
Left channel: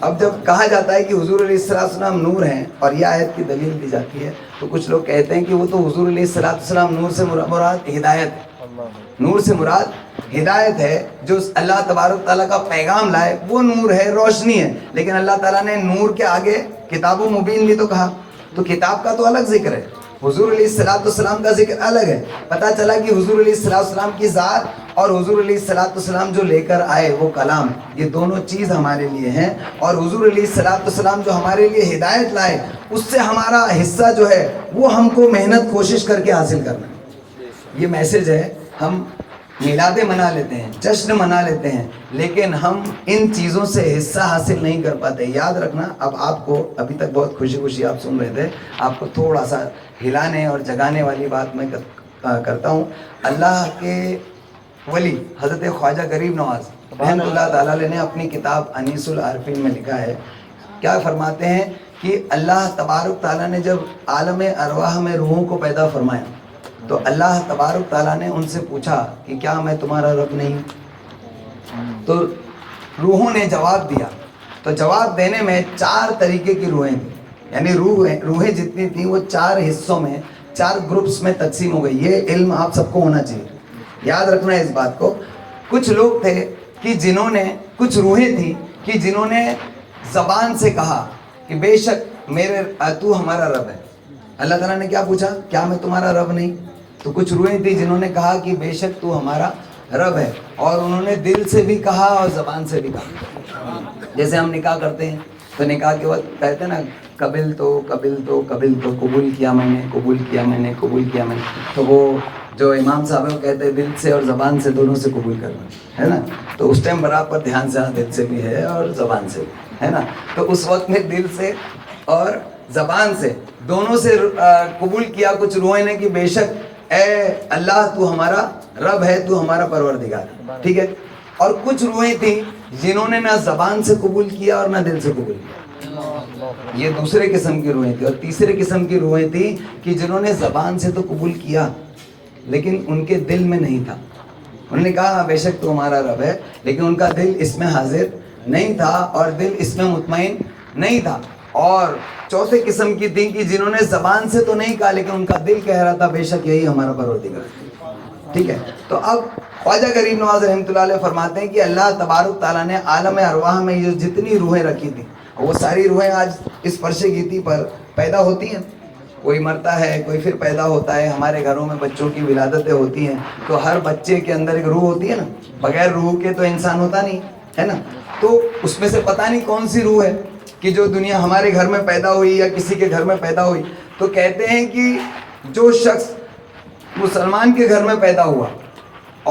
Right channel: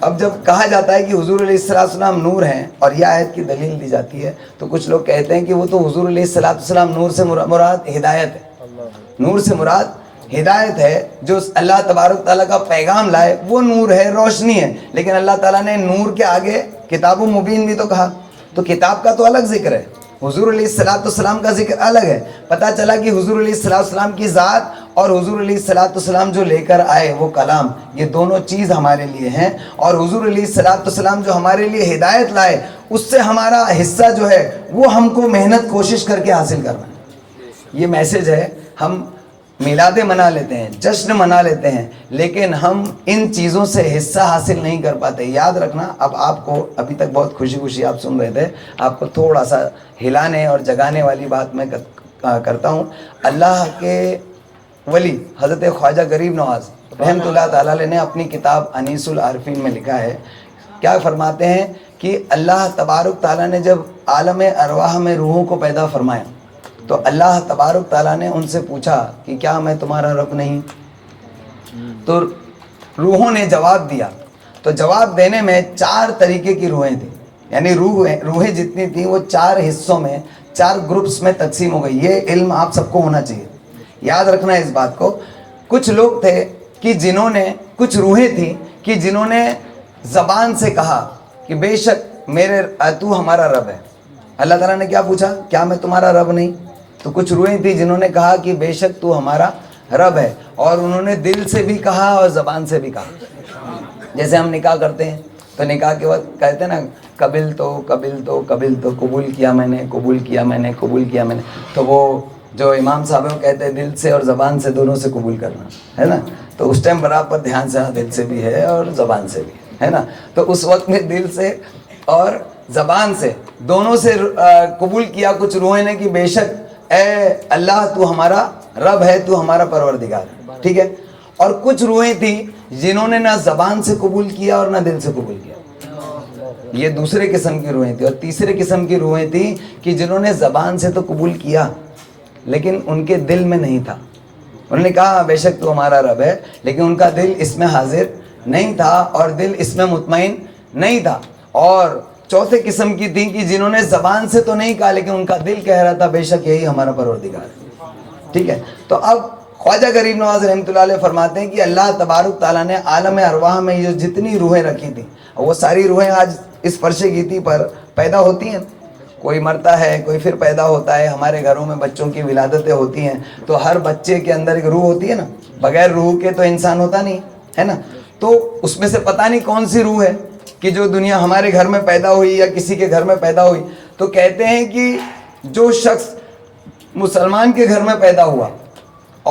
اب جب کہا جاتا ہے کہ حضور علیہ السلام نور ہیں اور یہ آیت کی دلیل دی جاتی ہے تو کچھ لوگ کہتے ہیں کہ وہ تو حضور علیہ السلام نور سے مراد ہدایت ہے، نور سے مراد ہدایت ہے، جو اللہ تبارک تعالیٰ کا پیغام لائے وہ نور ہے، روشنی ہے. لیکن اللہ تعالیٰ نے نور کے آگے کتاب مبین بھی تو کہا، تو کتاب کا تو الگ ذکر ہے، حضور علیہ السلام کا ذکر الگ ہے. پتہ چلا کہ حضور علیہ السلام کی ذات اور حضور علیہ السلام جو لے کر آئے وہ کلام، یہ دونوں چیز ہمارے لیے ہیں. اور حضور علیہ السلام جو ہمارے لیے ہدایت لائے اس سے ہمارا حصہ جو ہے وہ ہم کو محنت کوشش کر کے حاصل کرنا. یہ میسج ہے. ہم میلادیں منا لیتے ہیں، جشن منا لیتے ہیں، لیکن ہم ان چیزوں سے حصہ حاصل نہیں کر پاتے. یاد رکھنا، اب آپ کو ابھی تک بہت خوشی آپ سن رہے تھے، آپ کو تھوڑا سا ہلانے اور جگانے والی بات میں کرتا ہوں. اللہ کے ولی حضرت خواجہ غریب نواز رحمۃ اللہ تعالیٰ علیہ نے اپنی کتاب انیس العارفین میں لکھا ہے، کیا فرماتے ہیں کہ اللہ تبارک تعالیٰ نے جب عالم ارواح میں روحوں کو پیدا فرمایا تو اللہ تبارک تعالیٰ نے ان سے پوچھا کہ کیا میں تمہارا رب نہیں؟ تو روحوں نے جواب دیا، تو جواب دینے میں 4 طریقے کی روحیں تھیں، یعنی روحیں جتنی تھیں وہ 4 حصوں میں 4 گروپس میں تقسیم ہو گئی۔ یہ علم آپ سب کو ہونا چاہیے، یاد رکھنا ہے اس بات کو۔ کچھ لوگ تھے کہ جنہوں نے، کچھ روحیں تھیں کہ جنہوں نے زبان سے کہا کہ بے شک تو ہمارا رب ہے۔ اللہ تعالیٰ نے کیا پوچھا؟ کیا میں تمہارا رب نہیں؟ تو کچھ روحیں تھیں جنہوں نے کہا کہ بے شک تو ہمارا رب ہے، اور انہوں نے دل سے بھی کہا اور زبان سے بھی کہا۔ جیسے ہم نکاح کرتے ہیں تو نکاح کے وقت کہتے ہیں نا قبل تو قبول کیا میں نے، قبول کیا میں نے، قبول کیا میں نے۔ تو وہ جو امام صاحب ہیں وہ کہتے ہیں دل سے اور زبان سے دونوں سے قبول کرنا ہے نا، تو اس ٹائم برابر دھیان سے، دل سے بھی ہے اور زبان سے بھی ہے نا، تو اس وقت میں دل سے اور زبان سے دونوں سے قبول کیا کچھ روحیں نے کہ بے شک اے اللہ تو ہمارا رب ہے، تو ہمارا پروردگار ہے، ٹھیک ہے۔ اور کچھ روحیں تھیں جنہوں نے نہ زبان سے قبول کیا اور نہ دل سے قبول کیا، یہ دوسرے قسم کی روحیں تھیں۔ اور تیسرے قسم کی روحیں تھیں کہ جنہوں نے زبان سے تو قبول کیا لیکن ان کے دل میں نہیں تھا، انہوں نے کہا بے شک تو ہمارا رب ہے، لیکن ان کا دل اس میں حاضر نہیں تھا اور دل اس میں مطمئن نہیں تھا۔ اور چوتھے قسم کی تھیں کہ جنہوں نے زبان سے تو نہیں کہا لیکن ان کا دل کہہ رہا تھا بے شک یہی ہمارا پروردگار ہے، ٹھیک ہے۔ تو اب خواجہ غریب نواز رحمۃ اللہ علیہ فرماتے ہیں کہ اللہ تبارک تعالیٰ نے عالم ارواح میں جو جتنی روحیں رکھی تھیں، وہ ساری روحیں آج اس فرش گیتی پر پیدا ہوتی ہیں، کوئی مرتا ہے کوئی پھر پیدا ہوتا ہے، ہمارے گھروں میں بچوں کی ولادتیں ہوتی ہیں تو ہر بچے کے اندر ایک روح ہوتی ہے نا، بغیر روح کے تو انسان ہوتا نہیں ہے نا، تو اس میں سے پتہ نہیں کون سی روح ہے کہ جو دنیا ہمارے گھر میں پیدا ہوئی یا کسی کے گھر میں پیدا ہوئی۔ تو کہتے ہیں کہ جو شخص مسلمان کے گھر میں پیدا ہوا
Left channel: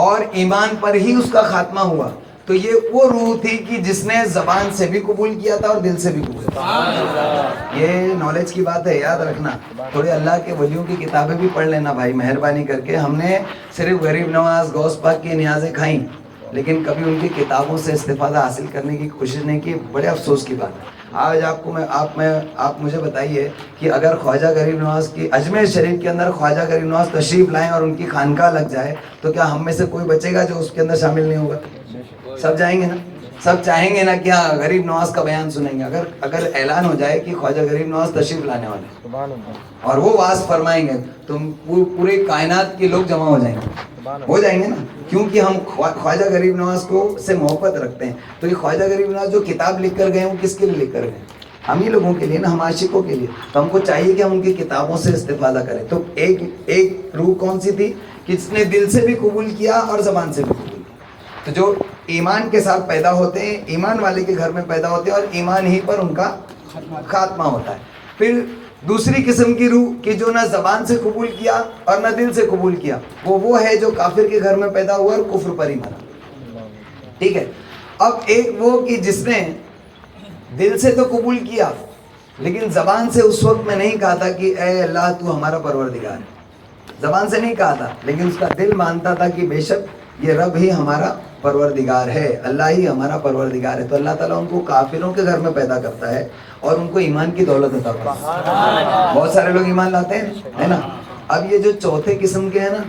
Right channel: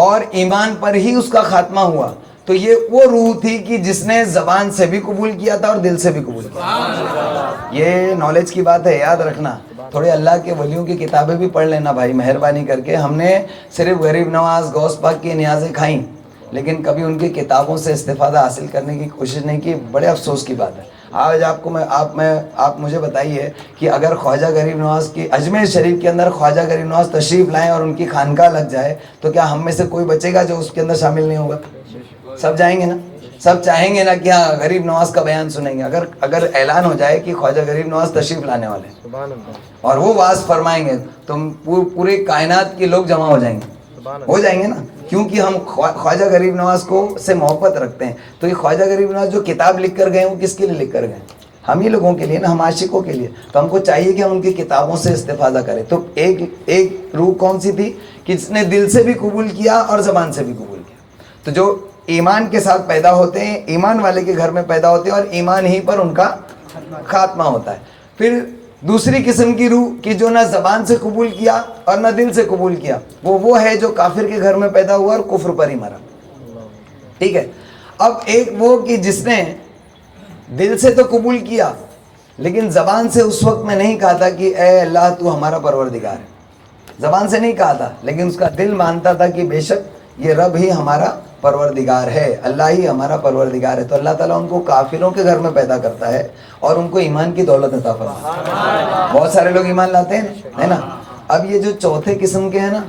اور ایمان پر ہی اس کا خاتمہ ہوا تو یہ وہ روح تھی کہ جس نے زبان سے بھی قبول کیا تھا اور دل سے بھی قبول کیا۔ یہ نالج کی بات ہے، یاد رکھنا۔ تھوڑے اللہ کے ولیوں کی کتابیں بھی پڑھ لینا بھائی، مہربانی کر کے۔ ہم نے صرف غریب نواز غوث پاک کی نیازیں کھائیں لیکن کبھی ان کی کتابوں سے استفادہ حاصل کرنے کی کوشش نہیں کی، بڑے افسوس کی بات ہے۔ آج آپ مجھے بتائیے کہ اگر خواجہ غریب نواز کی اجمیر شریف کے اندر خواجہ غریب نواز تشریف لائیں اور ان کی خانقاہ لگ جائے تو کیا ہم میں سے کوئی بچے گا جو اس کے اندر شامل نہیں ہوگا؟ سب جائیں گے نا، سب چاہیں گے نا کہ ہاں غریب نواز کا بیان سنیں گے۔ اگر اعلان ہو جائے کہ خواجہ غریب نواز تشریف لانے والے ہیں اور وہ واعظ فرمائیں گے تو پورے کائنات کے لوگ جمع ہو جائیں گے نا، کیونکہ ہم خواجہ غریب نواز کو سے محبت رکھتے ہیں۔ تو یہ خواجہ غریب نواز جو کتاب لکھ کر گئے وہ کس کے لیے لکھ کر گئے؟ ہم ہی لوگوں کے لیے نا، ہم عاشقوں کے لیے۔ تو ہم کو چاہیے کہ ہم ان کی کتابوں سے استفادہ کریں۔ تو ایک روح کون سی تھی کہ جس نے دل سے بھی قبول کیا اور زبان سے بھی قبول کیا۔ تو جو ایمان کے ساتھ پیدا ہوتے ہیں، ایمان والے کے گھر میں پیدا ہوتے ہیں اور ایمان ہی پر ان کا خاتمہ ہوتا ہے۔ پھر دوسری قسم کی روح کہ جو نہ زبان سے قبول کیا اور نہ دل سے قبول کیا، وہ ہے جو کافر کے گھر میں پیدا ہوا اور کفر پر ہی مرا، ٹھیک ہے۔ اب ایک وہ کہ جس نے دل سے تو قبول کیا لیکن زبان سے اس وقت میں نہیں کہا تھا کہ اے اللہ تو ہمارا پروردگار ہے، زبان سے نہیں کہا تھا لیکن اس کا دل مانتا تھا کہ بے شک یہ رب ہی ہمارا پروردگار ہے، اللہ ہی ہمارا پروردگار ہے۔ تو اللہ تعالیٰ ان کو کافروں کے گھر میں پیدا کرتا ہے اور ان کو ایمان کی دولت عطا کرتا ہے۔ بہت سارے لوگ ایمان لاتے ہیں ہے نا۔ اب یہ جو چوتھے قسم کے ہیں نا،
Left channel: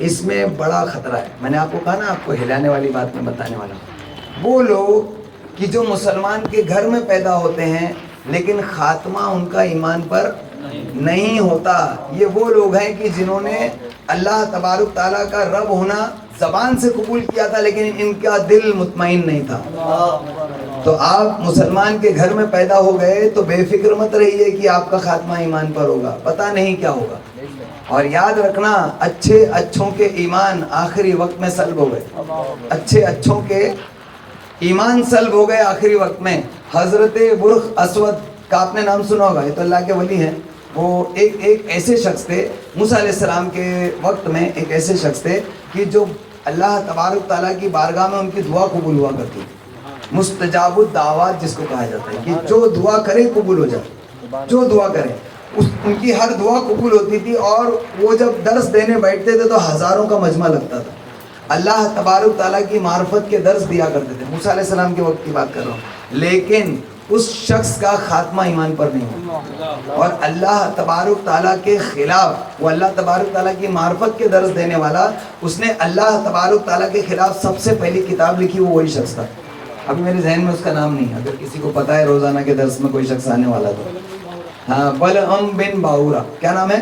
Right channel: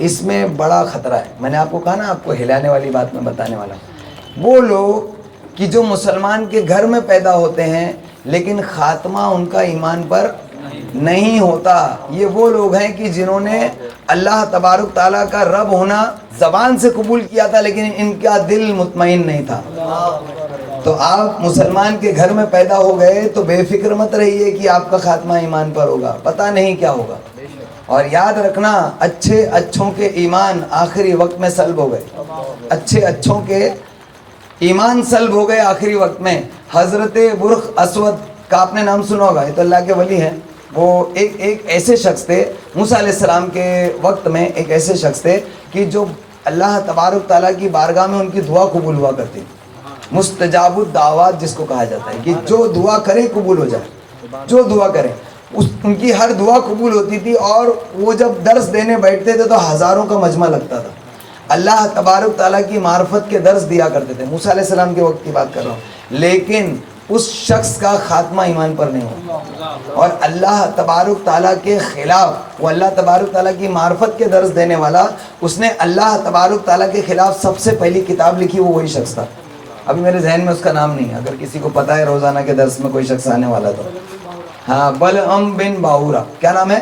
اس میں بڑا خطرہ ہے۔ میں نے آپ کو کہا نا، آپ کو ہلانے والی بات میں بتانے والا، وہ لوگ کہ جو مسلمان کے گھر میں پیدا ہوتے ہیں لیکن خاتمہ ان کا ایمان پر نہیں ہوتا، یہ وہ لوگ ہیں کہ جنہوں نے اللہ تبارک تعالیٰ کا رب ہونا زبان سے قبول کیا تھا لیکن ان کا دل مطمئن نہیں تھا۔ تو آپ مسلمان کے گھر میں پیدا ہو گئے تو بے فکر مت رہیے کہ آپ کا خاتمہ ایمان پر ہوگا، پتہ نہیں کیا ہوگا۔ اور یاد رکھنا، اچھوں کے ایمان آخری وقت میں سلب ہو گئے، اچھوں کے ایمان سلب ہو گئے آخری وقت میں۔ حضرت برخ اسود کا آپ نے نام سنا ہوگا، یہ تو اللہ کے ولی ہیں۔ وہ ایک ایسے شخص تھے موسیٰ علیہ السلام کے وقت میں، ایک ایسے شخص تھے کہ جو اللہ تبارک تعالیٰ کی بارگاہ میں ان کی دعا قبول ہوا کرتی، مستجاب الدعوات جس کو کہا جاتا ہے کہ جو دعا کرے قبول ہو جائے، جو دعا کرے ان کی ہر دعا قبول ہوتی تھی۔ اور وہ جب درس دینے بیٹھتے تھے تو ہزاروں کا مجمع لگتا تھا۔ اللہ تبارک تعالیٰ کی معرفت کے درس دیا کرتے تھے، موسیٰ علیہ السلام کے وقت کی بات کر رہا ہوں، لیکن اس شخص کا خاتمہ ایمان پر نہیں ہوا، اور اللہ تبارک تعالیٰ کے خلاف، وہ اللہ تبارک تعالیٰ کی معرفت کے درس دینے والا، اس نے اللہ تبارک تعالیٰ کے خلاف سب سے پہلی کتاب لکھی، وہ وہی شخص تھا. ابھی میرے ذہن میں اس کا نام نہیں ہے، اگر کسی کو پتا ہے روزانہ کے درس میں کوئی شخص آنے والا تھا. ہاں، بلعم بن باورا. کیا نام ہے؟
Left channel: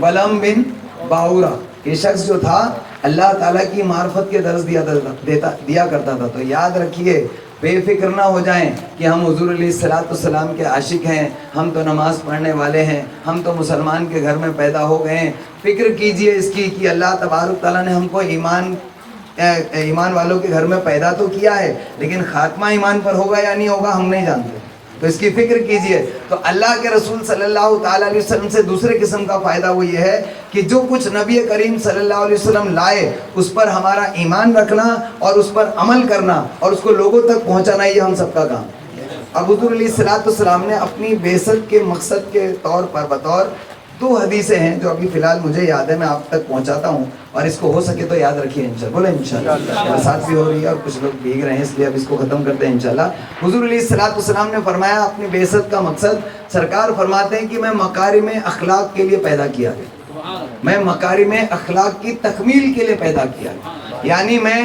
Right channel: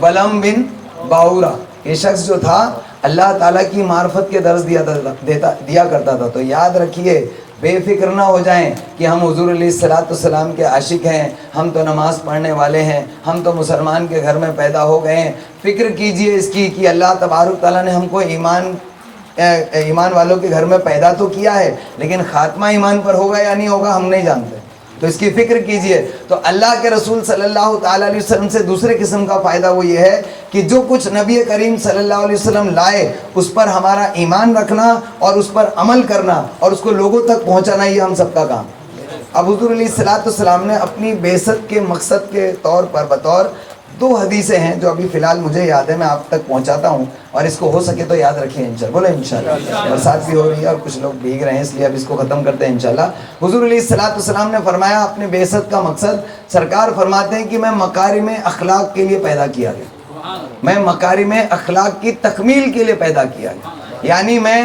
بلعم بن باورا. یہ شخص جو تھا اللہ تعالیٰ کی معرفت کے درس دیا کرتا تھا. تو یاد رکھیے، بے فکر نہ ہو جائیں کہ ہم حضور علیہ السلام کے عاشق ہیں، ہم تو نماز پڑھنے والے ہیں، ہم تو مسلمان کے گھر میں پیدا ہو گئے ہیں. فکر کیجئے اس کی کہ اللہ تبارک تعالیٰ نے ہم کو ایمان والوں کے گھر میں پیدا تو کیا ہے، لیکن خاتمہ ایمان پر ہوگا یا نہیں ہوگا ہم نہیں جانتے. تو اس کی فکر کیجئے. تو اللہ کے رسول صلی اللہ تعالیٰ علیہ وسلم سے دوسرے قسم کا فائدہ وہ یہ ہے کہ جو کچھ نبی کریم صلی اللہ علیہ وسلم لائے اس پر ہمارا ایمان رکھنا اور اس پر عمل کرنا اور اس کو لوگوں تک پہنچانا، یہ ہم سب کا کام. اب حضور علیہ السلام نے اپنی بعثت کے مقصد کے طور پر بطور 2 حدیثیں ہیں جو ابھی فی الحال مجھے یاد ہے، میں آپ تک پہنچاتا ہوں، اور اس کو ہو سکے تو یاد رکھیے انشاءاللہ. بولے انشاءاللہ. برسات بھی ہو رہی ہے اور کچھ لوگ بھیگ رہے ہیں، اس لیے اب اس کو ختم کرتے ہیں انشاءاللہ. حضور علیہ السلام نے فرمایا اپنے بعثت کا مقصد، سرکار فرماتے ہیں کہ میں مکارم اخلاق کے لیے پیدا کیا گیا، میں مکارم اخلاق کی تکمیل کے لیے پیدا کیا گیا. یعنی میں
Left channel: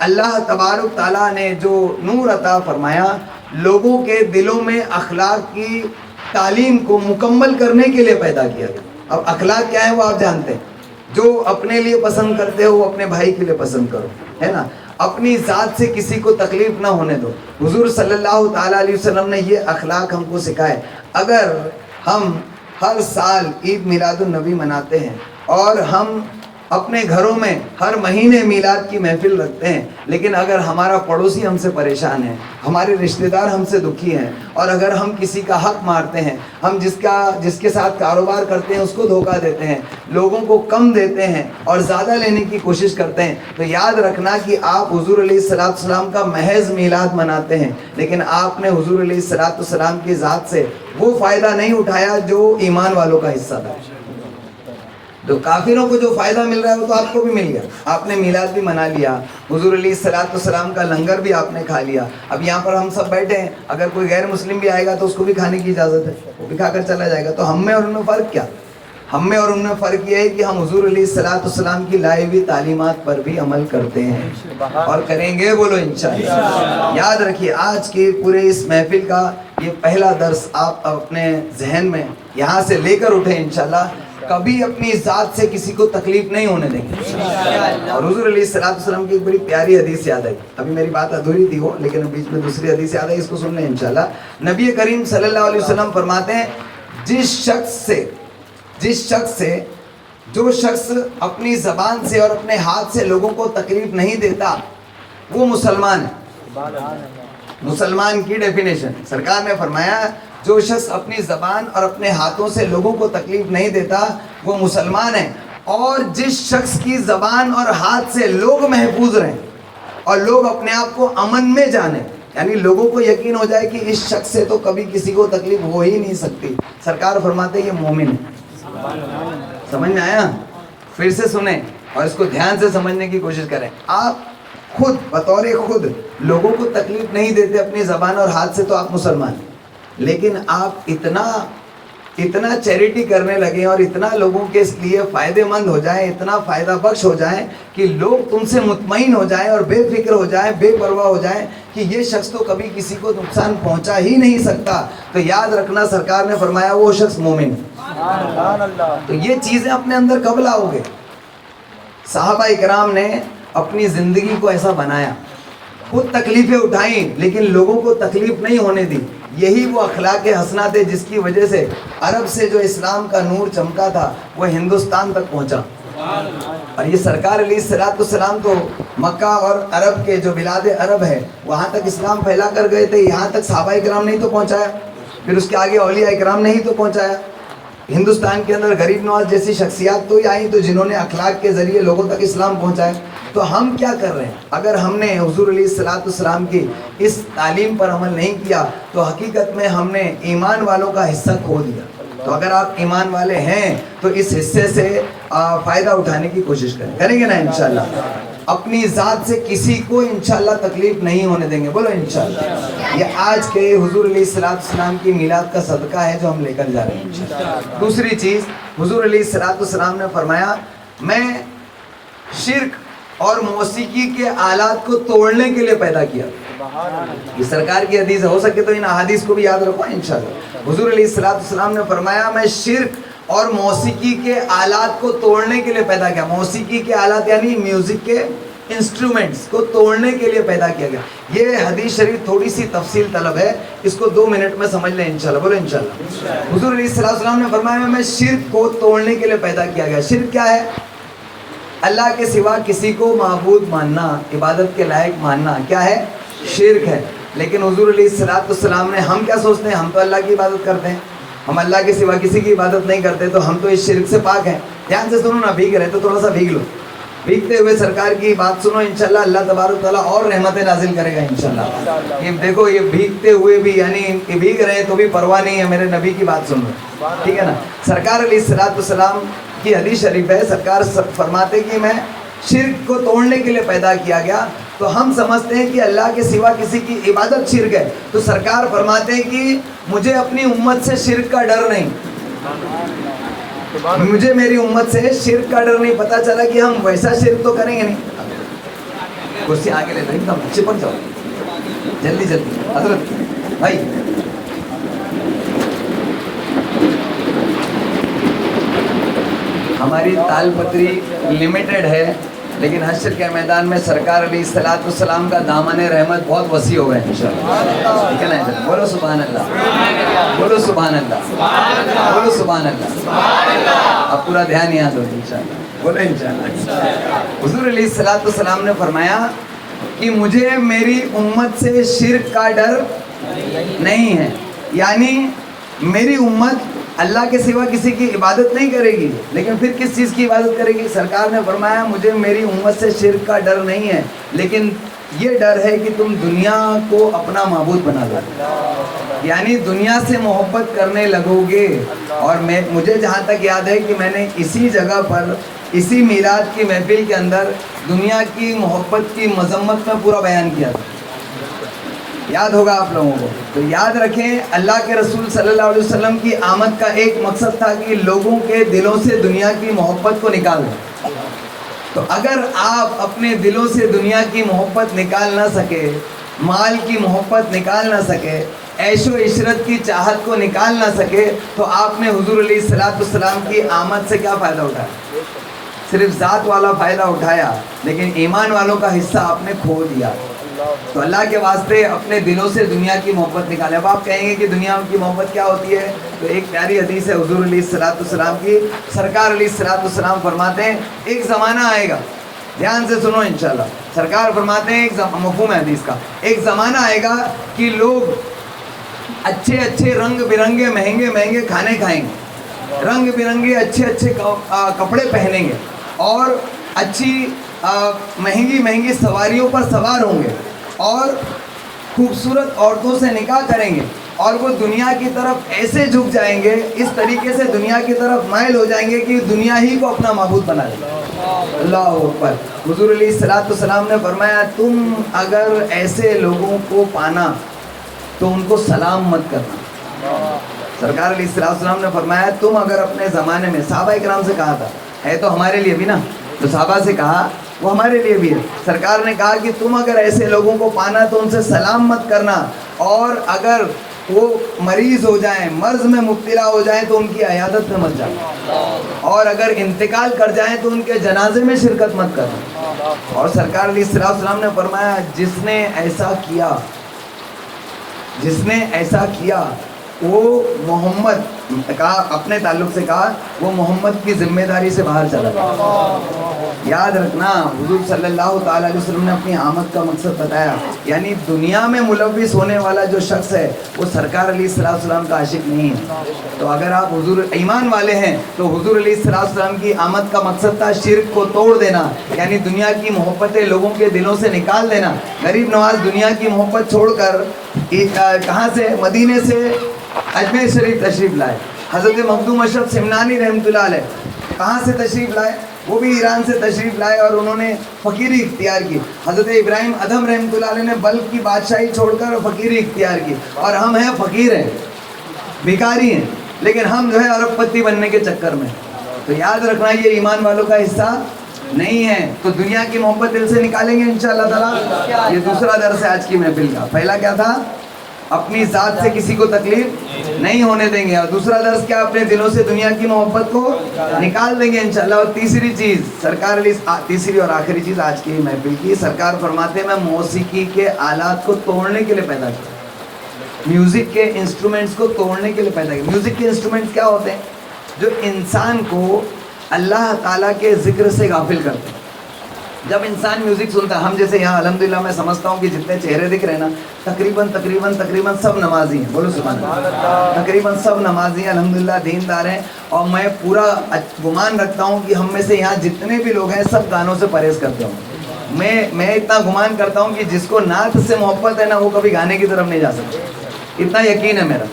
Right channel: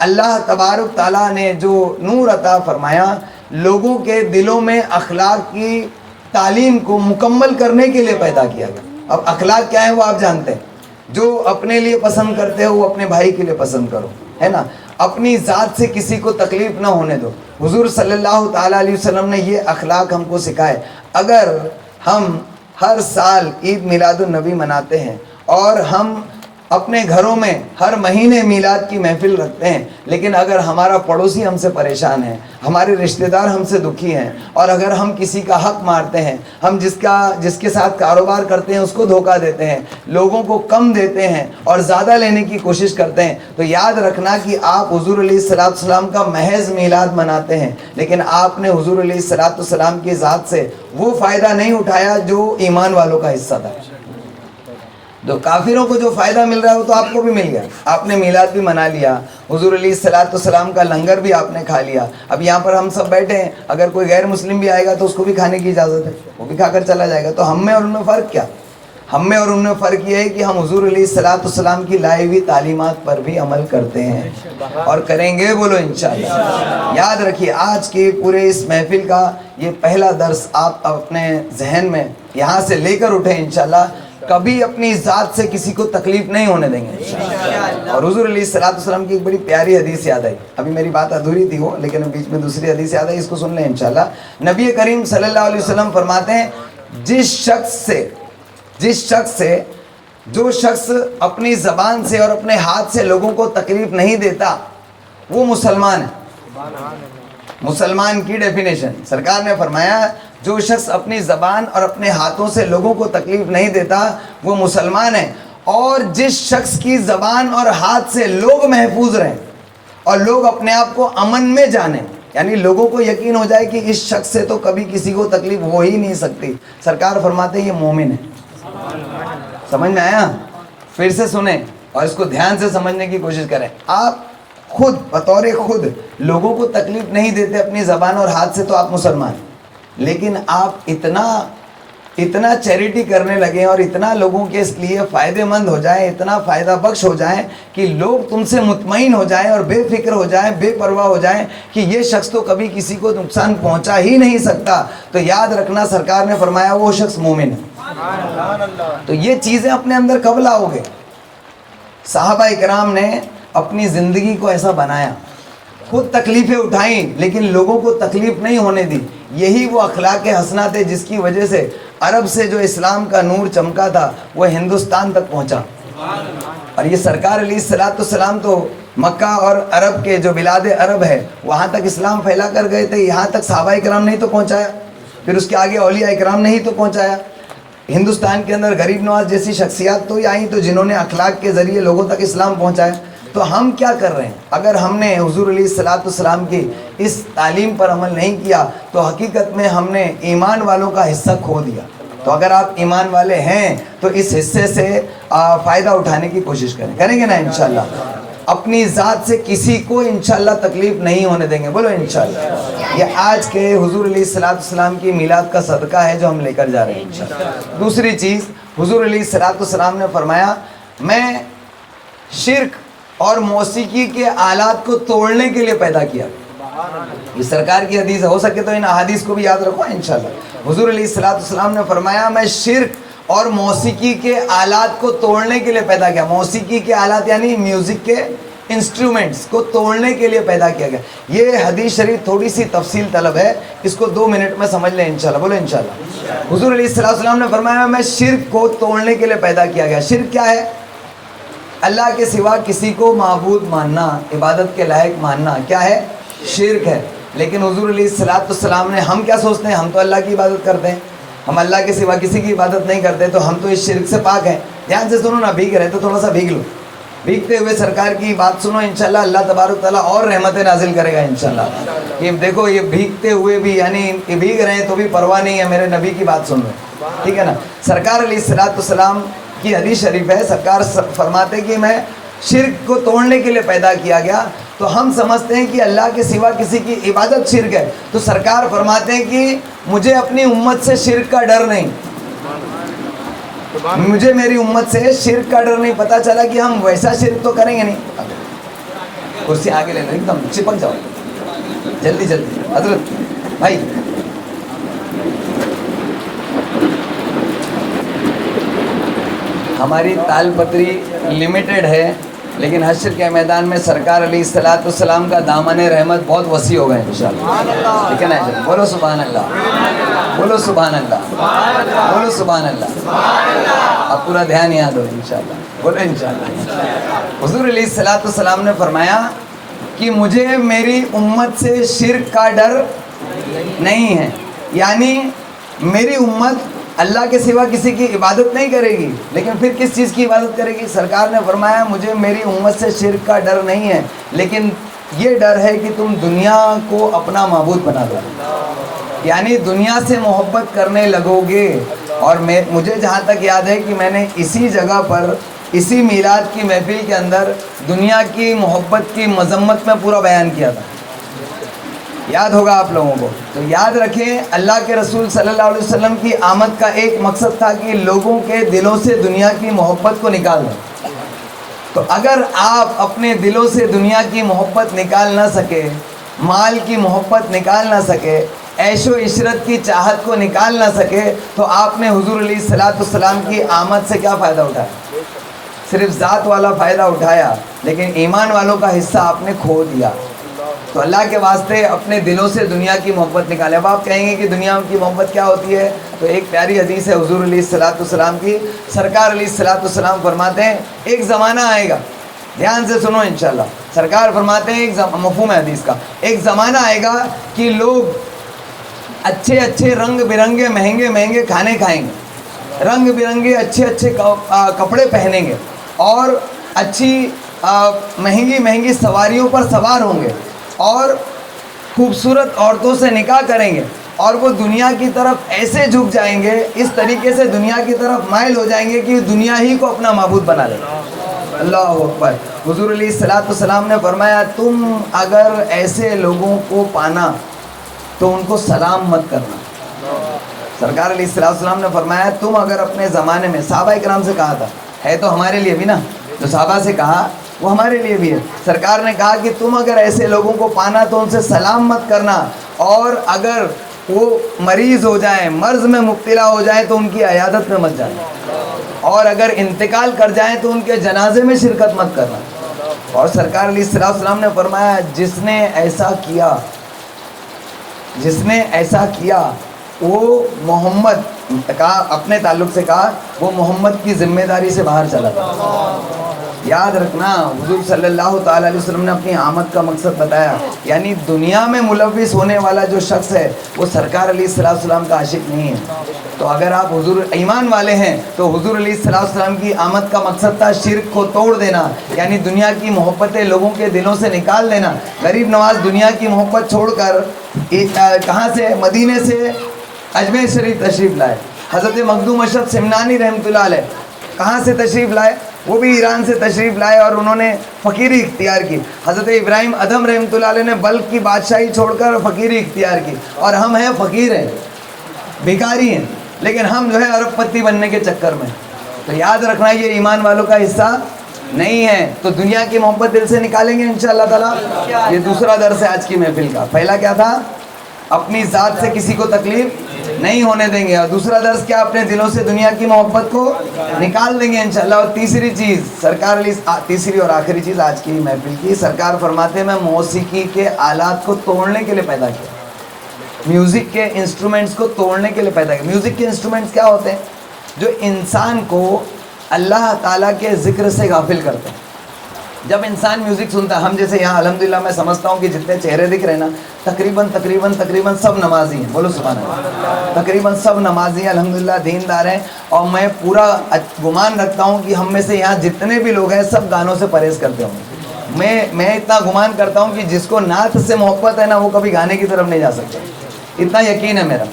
اللہ تبارک تعالیٰ نے جو نور عطا فرمایا، لوگوں کے دلوں میں اخلاق کی تعلیم کو مکمل کرنے کے لیے پیدا کیا گیا. اب اخلاق کیا ہے وہ آپ جانتے ہیں. جو اپنے لیے پسند کرتے ہو وہ اپنے بھائی کے لیے پسند کرو، ہے نا. اپنی ذات سے کسی کو تکلیف نہ ہونے دو. حضور صلی اللہ تعالیٰ علیہ وسلم نے یہ اخلاق ہم کو سکھائے. اگر ہم ہر سال عید میلاد النبی مناتے ہیں اور ہم اپنے گھروں میں ہر مہینے میلاد کی محفل رکھتے ہیں، لیکن اگر ہمارا پڑوسی ہم سے پریشان ہے، ہمارے رشتہ دار ہم سے دکھی ہیں، اور اگر ہم کسی کا حق مارتے ہیں، ہم جس کے ساتھ کاروبار کرتے ہیں اس کو دھوکہ دیتے ہیں، لوگوں کو کم دیتے ہیں اور زیادہ لینے کی کوشش کرتے ہیں، تو یاد رکھنا کہ آپ حضور علیہ السلام کا محض میلاد مناتے ہیں، لیکن آپ نے حضور علیہ السلام کی ذات سے وہ فائدہ نہیں اٹھایا جو ایمان والوں کا حصہ تھا. جو کافروں کو جو فائدہ مل رہا ہے وہ تو آپ کو بھی مل گیا. آپ نے میلاد بھی منا لیا، حضور علیہ السلام کا لنگر بھی آپ نے کھا لیا. اب یہاں پر ہم سب بیٹھے ہیں، اگر کوئی غیر مسلم بھی آئے گا تو اس کو بھی کھانے کی اجازت ہے، وہ بھی کھا کر چلا جائے گا. تو ہم میں اور ان میں فرق کیا؟ ہم میں اور ان میں فرق یہ ہے کہ ہم حضور علیہ السلام کی لائی ہوئی تعلیمات پر بھی عمل کرتے ہیں اور کریں گے. بولو انشاءاللہ. یاد رکھیے آج کے پورے اس محفل کا یہ پہلا درس آپ اپنے ذہن میں یہاں سے لے کر اٹھیں انشاءاللہ. کبھی اپنی ذات سے کسی کو تکلیف نہیں ہونے دیں گے. اور حضور علیہ السلام کی ایک بڑی پیاری حدیث یاد آئی. ابھی میری بات ادھوری تھی وہ، لیکن بیچ میں دوسری حدیث یاد آئی، اس کو سن لیں انشاءاللہ. نبی کریم صلی اللہ علیہ وسلم فرماتے ہیں جس شخص سے جو شخص اپنی زبان سے اور اپنے ہاتھ سے لوگوں کو تکلیف نہیں دیتا وہ مسلمان ہے. مسلمان کی ڈیفینیشن سرکار نے فرمایا جو شخص اپنی زبان اور اپنے ہاتھوں سے لوگوں کو تکلیف نہیں دیتا وہ مسلمان ہے. اور جس شخص کی زبان اور ہاتھ سے لوگ محفوظ رہیں اور لوگ اپنے آپ کو امن میں جانیں، یعنی لوگوں کو یقین ہو جائے کہ اس شخص سے تو کبھی کسی کو تکلیف ہو ہی نہیں سکتی، سرکار فرماتے ہیں یہ مومن ہے. سمجھ میں آیا؟ پھر سے سنیں اور اس کو دھیان سے سمجھنے کی کوشش کریں. آپ خود بطور خود لوگوں کو تکلیف نہیں دیتے اپنی زبان اور ہاتھ سے تو آپ مسلمان ہیں، لیکن آپ اتنا چیریٹی کرنے لگیں اور اتنا لوگوں کے اس لیے فائدے مند ہو جائیں، اتنا فائدہ بخش ہو جائیں کہ لوگ تم سے مطمئن ہو جائیں اور بے فکر ہو جائیں، بے پرواہ ہو جائیں کہ یہ شخص تو کبھی کسی کو نقصان پہنچا ہی نہیں سکتا، تو یاد رکھنا سرکار نے فرمایا وہ شخص مومن ہے. تو یہ چیزیں اپنے اندر کب لاؤ گے؟ صحابہ اکرام نے اپنی زندگی کو ایسا بنایا، خود تکلیفیں اٹھائیں لیکن لوگوں کو تکلیف نہیں ہونے دی. یہی وہ اخلاق حسنہ تھے جس کی وجہ سے عرب سے جو اسلام کا نور چمکا تھا وہ ہندوستان تک پہنچا. اور یہ سرکار علیہ السلام تو مکہ اور عرب کے جو بلاد عرب ہے وہاں تک اسلام پھیلا کر گئے تھے، یہاں تک صحابہ اکرام نہیں تو پہنچایا، پھر اس کے آگے اولیاء اکرام نہیں تو پہنچایا. ہندوستان کے اندر غریب نواز جیسی شخصیات تو آئیں تو جنہوں نے اخلاق کے ذریعے لوگوں تک اسلام پہنچایا. تو ہم کیا کر رہے ہیں؟ اگر ہم نے حضور علیہ السلام کی اس تعلیم پر عمل نہیں کیا تو حقیقت میں ہم نے ایمان والوں کا حصہ کھو دیا. تو اگر آپ ایمان والے ہیں تو اس حصے سے فائدہ اٹھانے کی کوشش کریں گے نا انشاءاللہ. اپنی ذات سے کسی کو انشاءاللہ تکلیف نہیں ہونے دیں گے. بولو انشاءاللہ. یہ آج کے حضور علیہ السلام کی میلاد کا صدقہ ہے جو ہم لے کر جا رہے ہیں انشاءاللہ. دوسری چیز حضور علیہ السلام نے فرمایا میں شرک اور موسیقی کے آلات کو توڑنے کے لیے پیدا کیا. یہ سرکار کی حدیث ہے, ہو سکے تو ان احادیث کو بھی یاد رکھو انشاءاللہ. حضور علیہ السلام نے فرمایا میں شرک اور موسیقی کے آلات کو توڑنے کے لیے پیدا کیا. موسیقی کے آلات یعنی میوزک کے انسٹرومنٹس کو توڑنے کے لیے پیدا کیا گیا. یہ حدیث شریف تھوڑی سی تفصیل طلب ہے, اس کو 2 منٹ میں سمجھ لیں انشاءاللہ. بولو انشاءاللہ. حضور علیہ السلام نے فرمایا میں شرک کو توڑنے کے لیے پیدا کیا گیا. شرک کیا ہے؟ اللہ کے سوا کسی کو معبود ماننا, عبادت کے لائق ماننا کیا ہے؟ شرک ہے. لیکن حضور علیہ السلام نے, ہم کیا سوچتے ہیں, ہم تو اللہ کی عبادت کرتے ہیں, ہم اللہ کے سوا کسی کی عبادت نہیں کرتے, تو ہم تو اس شرک سے پاک ہیں. دھیان سے سنو نا, بھیگ رہے تو تھوڑا سا بھیگ لو. بھیگتے ہوئے سرکار کی بات سنو انشاءاللہ, اللہ تبارک تعالیٰ اور رحمتیں نازل کرے گا انشاءاللہ. یہ دیکھو, یہ بھیگتے ہوئے بھی یعنی یہ بھیگ رہے ہیں تو بھی پرواہ نہیں ہے, میرے نبی کی بات سن رہے ہیں, ٹھیک ہے نا. سرکار علیہ السلام کی حدیث شریف ہے, سرکار فرماتے کہ میں شرک کو توڑنے کے لیے پیدا کیا گیا. تو ہم سمجھتے ہیں کہ اللہ کے سوا کسی کی عبادت شرک ہے, تو سرکار فرماتے ہیں کہ مجھے اپنی امت سے شرک کا ڈر نہیں, مجھے میری امت سے شرک کا ڈر نہیں. پتہ چلا کہ ہم ویسا شرک تو کریں گے نہیں. کرسی آگے لے لو, ایک دم چپک جاؤ جلدی جلدی. حضرت بھائی ہماری تال پتری لمیٹڈ ہے, لیکن حشر کے میدان میں سرکار علیہ السلام کا دامن رحمت بہت وسیع ہوگا انشاءاللہ. ٹھیک ہے نا, بولو سبحان اللہ, بولو سبحان اللہ, بولو سبحان اللہ. اب پورا دھیان یاد ہو انشاءاللہ, بولو انشاءاللہ. حضور علیہ السلام نے فرمایا کہ مجھے میری امت سے شرک کا ڈر نہیں ہے, یعنی میری امت اللہ کے سوا کسی کی عبادت نہیں کرے گی, لیکن پھر کس چیز کی عبادت کرے گی؟ سرکار نے فرمایا مجھے میری امت سے شرک کا ڈر نہیں ہے, لیکن یہ ڈر ہے کہ تم دنیا کو اپنا معبود بنا دو, یعنی دنیا سے محبت کرنے لگو گے. اور مجھے جہاں تک یاد ہے کہ میں نے اسی جگہ پر اسی میلاد کی محفل کے اندر دنیا کی محبت کی مذمت میں پورا بیان کیا تھا, یاد ہوگا آپ لوگوں کو. تو یاد رکھیں, اللہ کے رسول صلی اللہ علیہ وسلم کی آمد کا ایک مقصد تھا کہ لوگوں کے دلوں سے دنیا کی محبت کو نکال دیں. تو اگر آپ اپنے دلوں سے دنیا کی محبت نکال نہ سکے, مال کی محبت نکال نہ سکے, عیش و عشرت کی چاہت کو نکال نہ سکے, تو آپ نے حضور علیہ السلام کی آمد سے کیا فائدہ اٹھایا؟ صرف ذات والا فائدہ اٹھایا, لیکن ایمان والوں کا حصہ آپ نے کھو دیا. تو اللہ کے واسطے اپنے دلوں سے دنیا کی محبت نکالیں. اب آپ کہیں گے کہ دنیا کی محبت کیا ہوتی ہے, تو ایک پیاری حدیث ہے حضور علیہ السلام کی. سرکار علیہ السلام فرماتے ہیں ایک زمانہ آئے گا, دھیان سے سنو انشاءاللہ. سرکار فرماتے ہیں ایک مفہوم ہے حدیث کا, ایک زمانہ آئے گا کہ لوگ اچھے اچھے رنگ برنگے مہنگے مہنگے کھانے کھائیں گے, رنگ برنگے اچھے اچھے کپڑے پہنیں گے, اور اچھی مہنگی مہنگی سواریوں پر سوار ہوں گے, اور خوبصورت عورتوں سے نکاح کریں گے, اور وہ دنیا کی طرف ایسے جھک جائیں گے, اس طریقے سے دنیا کی طرف مائل ہو جائیں گے کہ دنیا ہی کو اپنا معبود بنا لیں. اللہ اکبر. حضور علیہ السلام نے فرمایا تم اگر ایسے لوگوں کو پانا تو ان کو سلام مت کرنا. سرکار علیہ السلام نے فرمایا تم اگر اپنے زمانے میں, صحابہ کرام سے کہا تھا, ہے تو ہمارے لیے بھی نا, جو صحابہ سے کہا وہ ہمارے لیے بھی ہے. سرکار نے کہا کہ تم اگر ایسے لوگوں کو پانا تو ان سے سلام مت کرنا, اور اگر وہ مریض ہو جائیں, مرض میں مبتلا ہو جائیں تو ان کی عیادت میں مت جانا, اور اگر انتقال کر جائیں تو ان کے جنازے میں شرکت مت کرنا. اور سرکار علیہ السلام نے فرمایا جس نے ایسا کیا وہ محمد کہا, اپنے تعلق سے کہا وہ محمد کی ذمہ داری سے باہر چلا گیا. یاد رکھنا حضور صلی اللہ تعالیٰ علیہ وسلم نے اپنی آمد کا مقصد بتایا, یعنی دنیا میں ملوث ہونے والا جو شخص ہے وہ سرکار علیہ السلام کا عاشق نہیں ہے. تو اگر آپ حضور ایمان والے ہیں تو حضور علیہ السلام کی آمد کا مقصد تھا شرک کو توڑ دینا, یعنی دنیا کی محبتیں لوگوں کے دلوں سے نکال دینا. غریب نواز دنیا کی محبت چھوڑ کر کہاں سے, مدینے سے اجمیر شریف تشریف لائے. حضرت مخدوم اشرف سمنانی رحمۃ اللہ علیہ کہاں سے تشریف لائے؟ وہ بھی ایران سے تشریف لائے اور انہوں نے فقیری اختیار کی. حضرت ابراہیم ادھم رحمۃ اللہ علیہ نے بلخ کی بادشاہی چھوڑ کر فقیری اختیار کی, اور ہم ہیں فقیر ہیں, بھکاری ہیں, لیکن ہم جو ہے ارب پتی بننے کے چکر میں. تو یاد رکھنا یہ ایمان والوں کا حصہ نہیں ہے. تو دنیا کی محبت دل سے نکالیں گے انشاءاللہ تعالیٰ. یہ دوسرا درس ہے آج کی محفل کا. پہلا کیا تھا؟ اپنی ذات سے کسی کو تکلیف نہیں ہونے دیں گے, اور دوسرا درس کیا؟ اپنے دلوں سے دنیا کی محبت کو نکال دیں گے انشاءاللہ. اور تیسری چیز سرکار علی, تیسری اور آخری چیز آج کی محفل کی, سرکار فرماتے ہیں میں موسیقی کے آلات کو توڑنے کے لیے پیدا کیا, میوزک کے انسٹرومنٹس کو توڑنے کے لیے پیدا کیا. میوزک کے انسٹرومنٹس کیا ہوتے ہیں؟ جو انسان کو اللہ تعالیٰ کے ذکر سے غافل کرتے ہیں. جب انسان میوزک سنتا ہے, ہم جیسے یہاں الحمدللہ میں سمجھتا ہوں کہ جتنے چہرے دکھ رہے ہیں نا, تقریباً سب نمازی ہیں. بولو سبحان اللہ. تقریباً سب نمازی ہیں الحمدللہ, دیندار ہیں. اور میں پورا گمان رکھتا ہوں کہ ہم میں سے یہاں جتنے بھی لوگ ہیں سب گانوں سے پرہیز کرتے ہوں. میں اتنا گمان کرتا ہوں کہ جس کو نعت سے محبت ہے نا, وہ کبھی گانے کی طرف نہیں جا سکتے, اتنا یقین ہے میرا.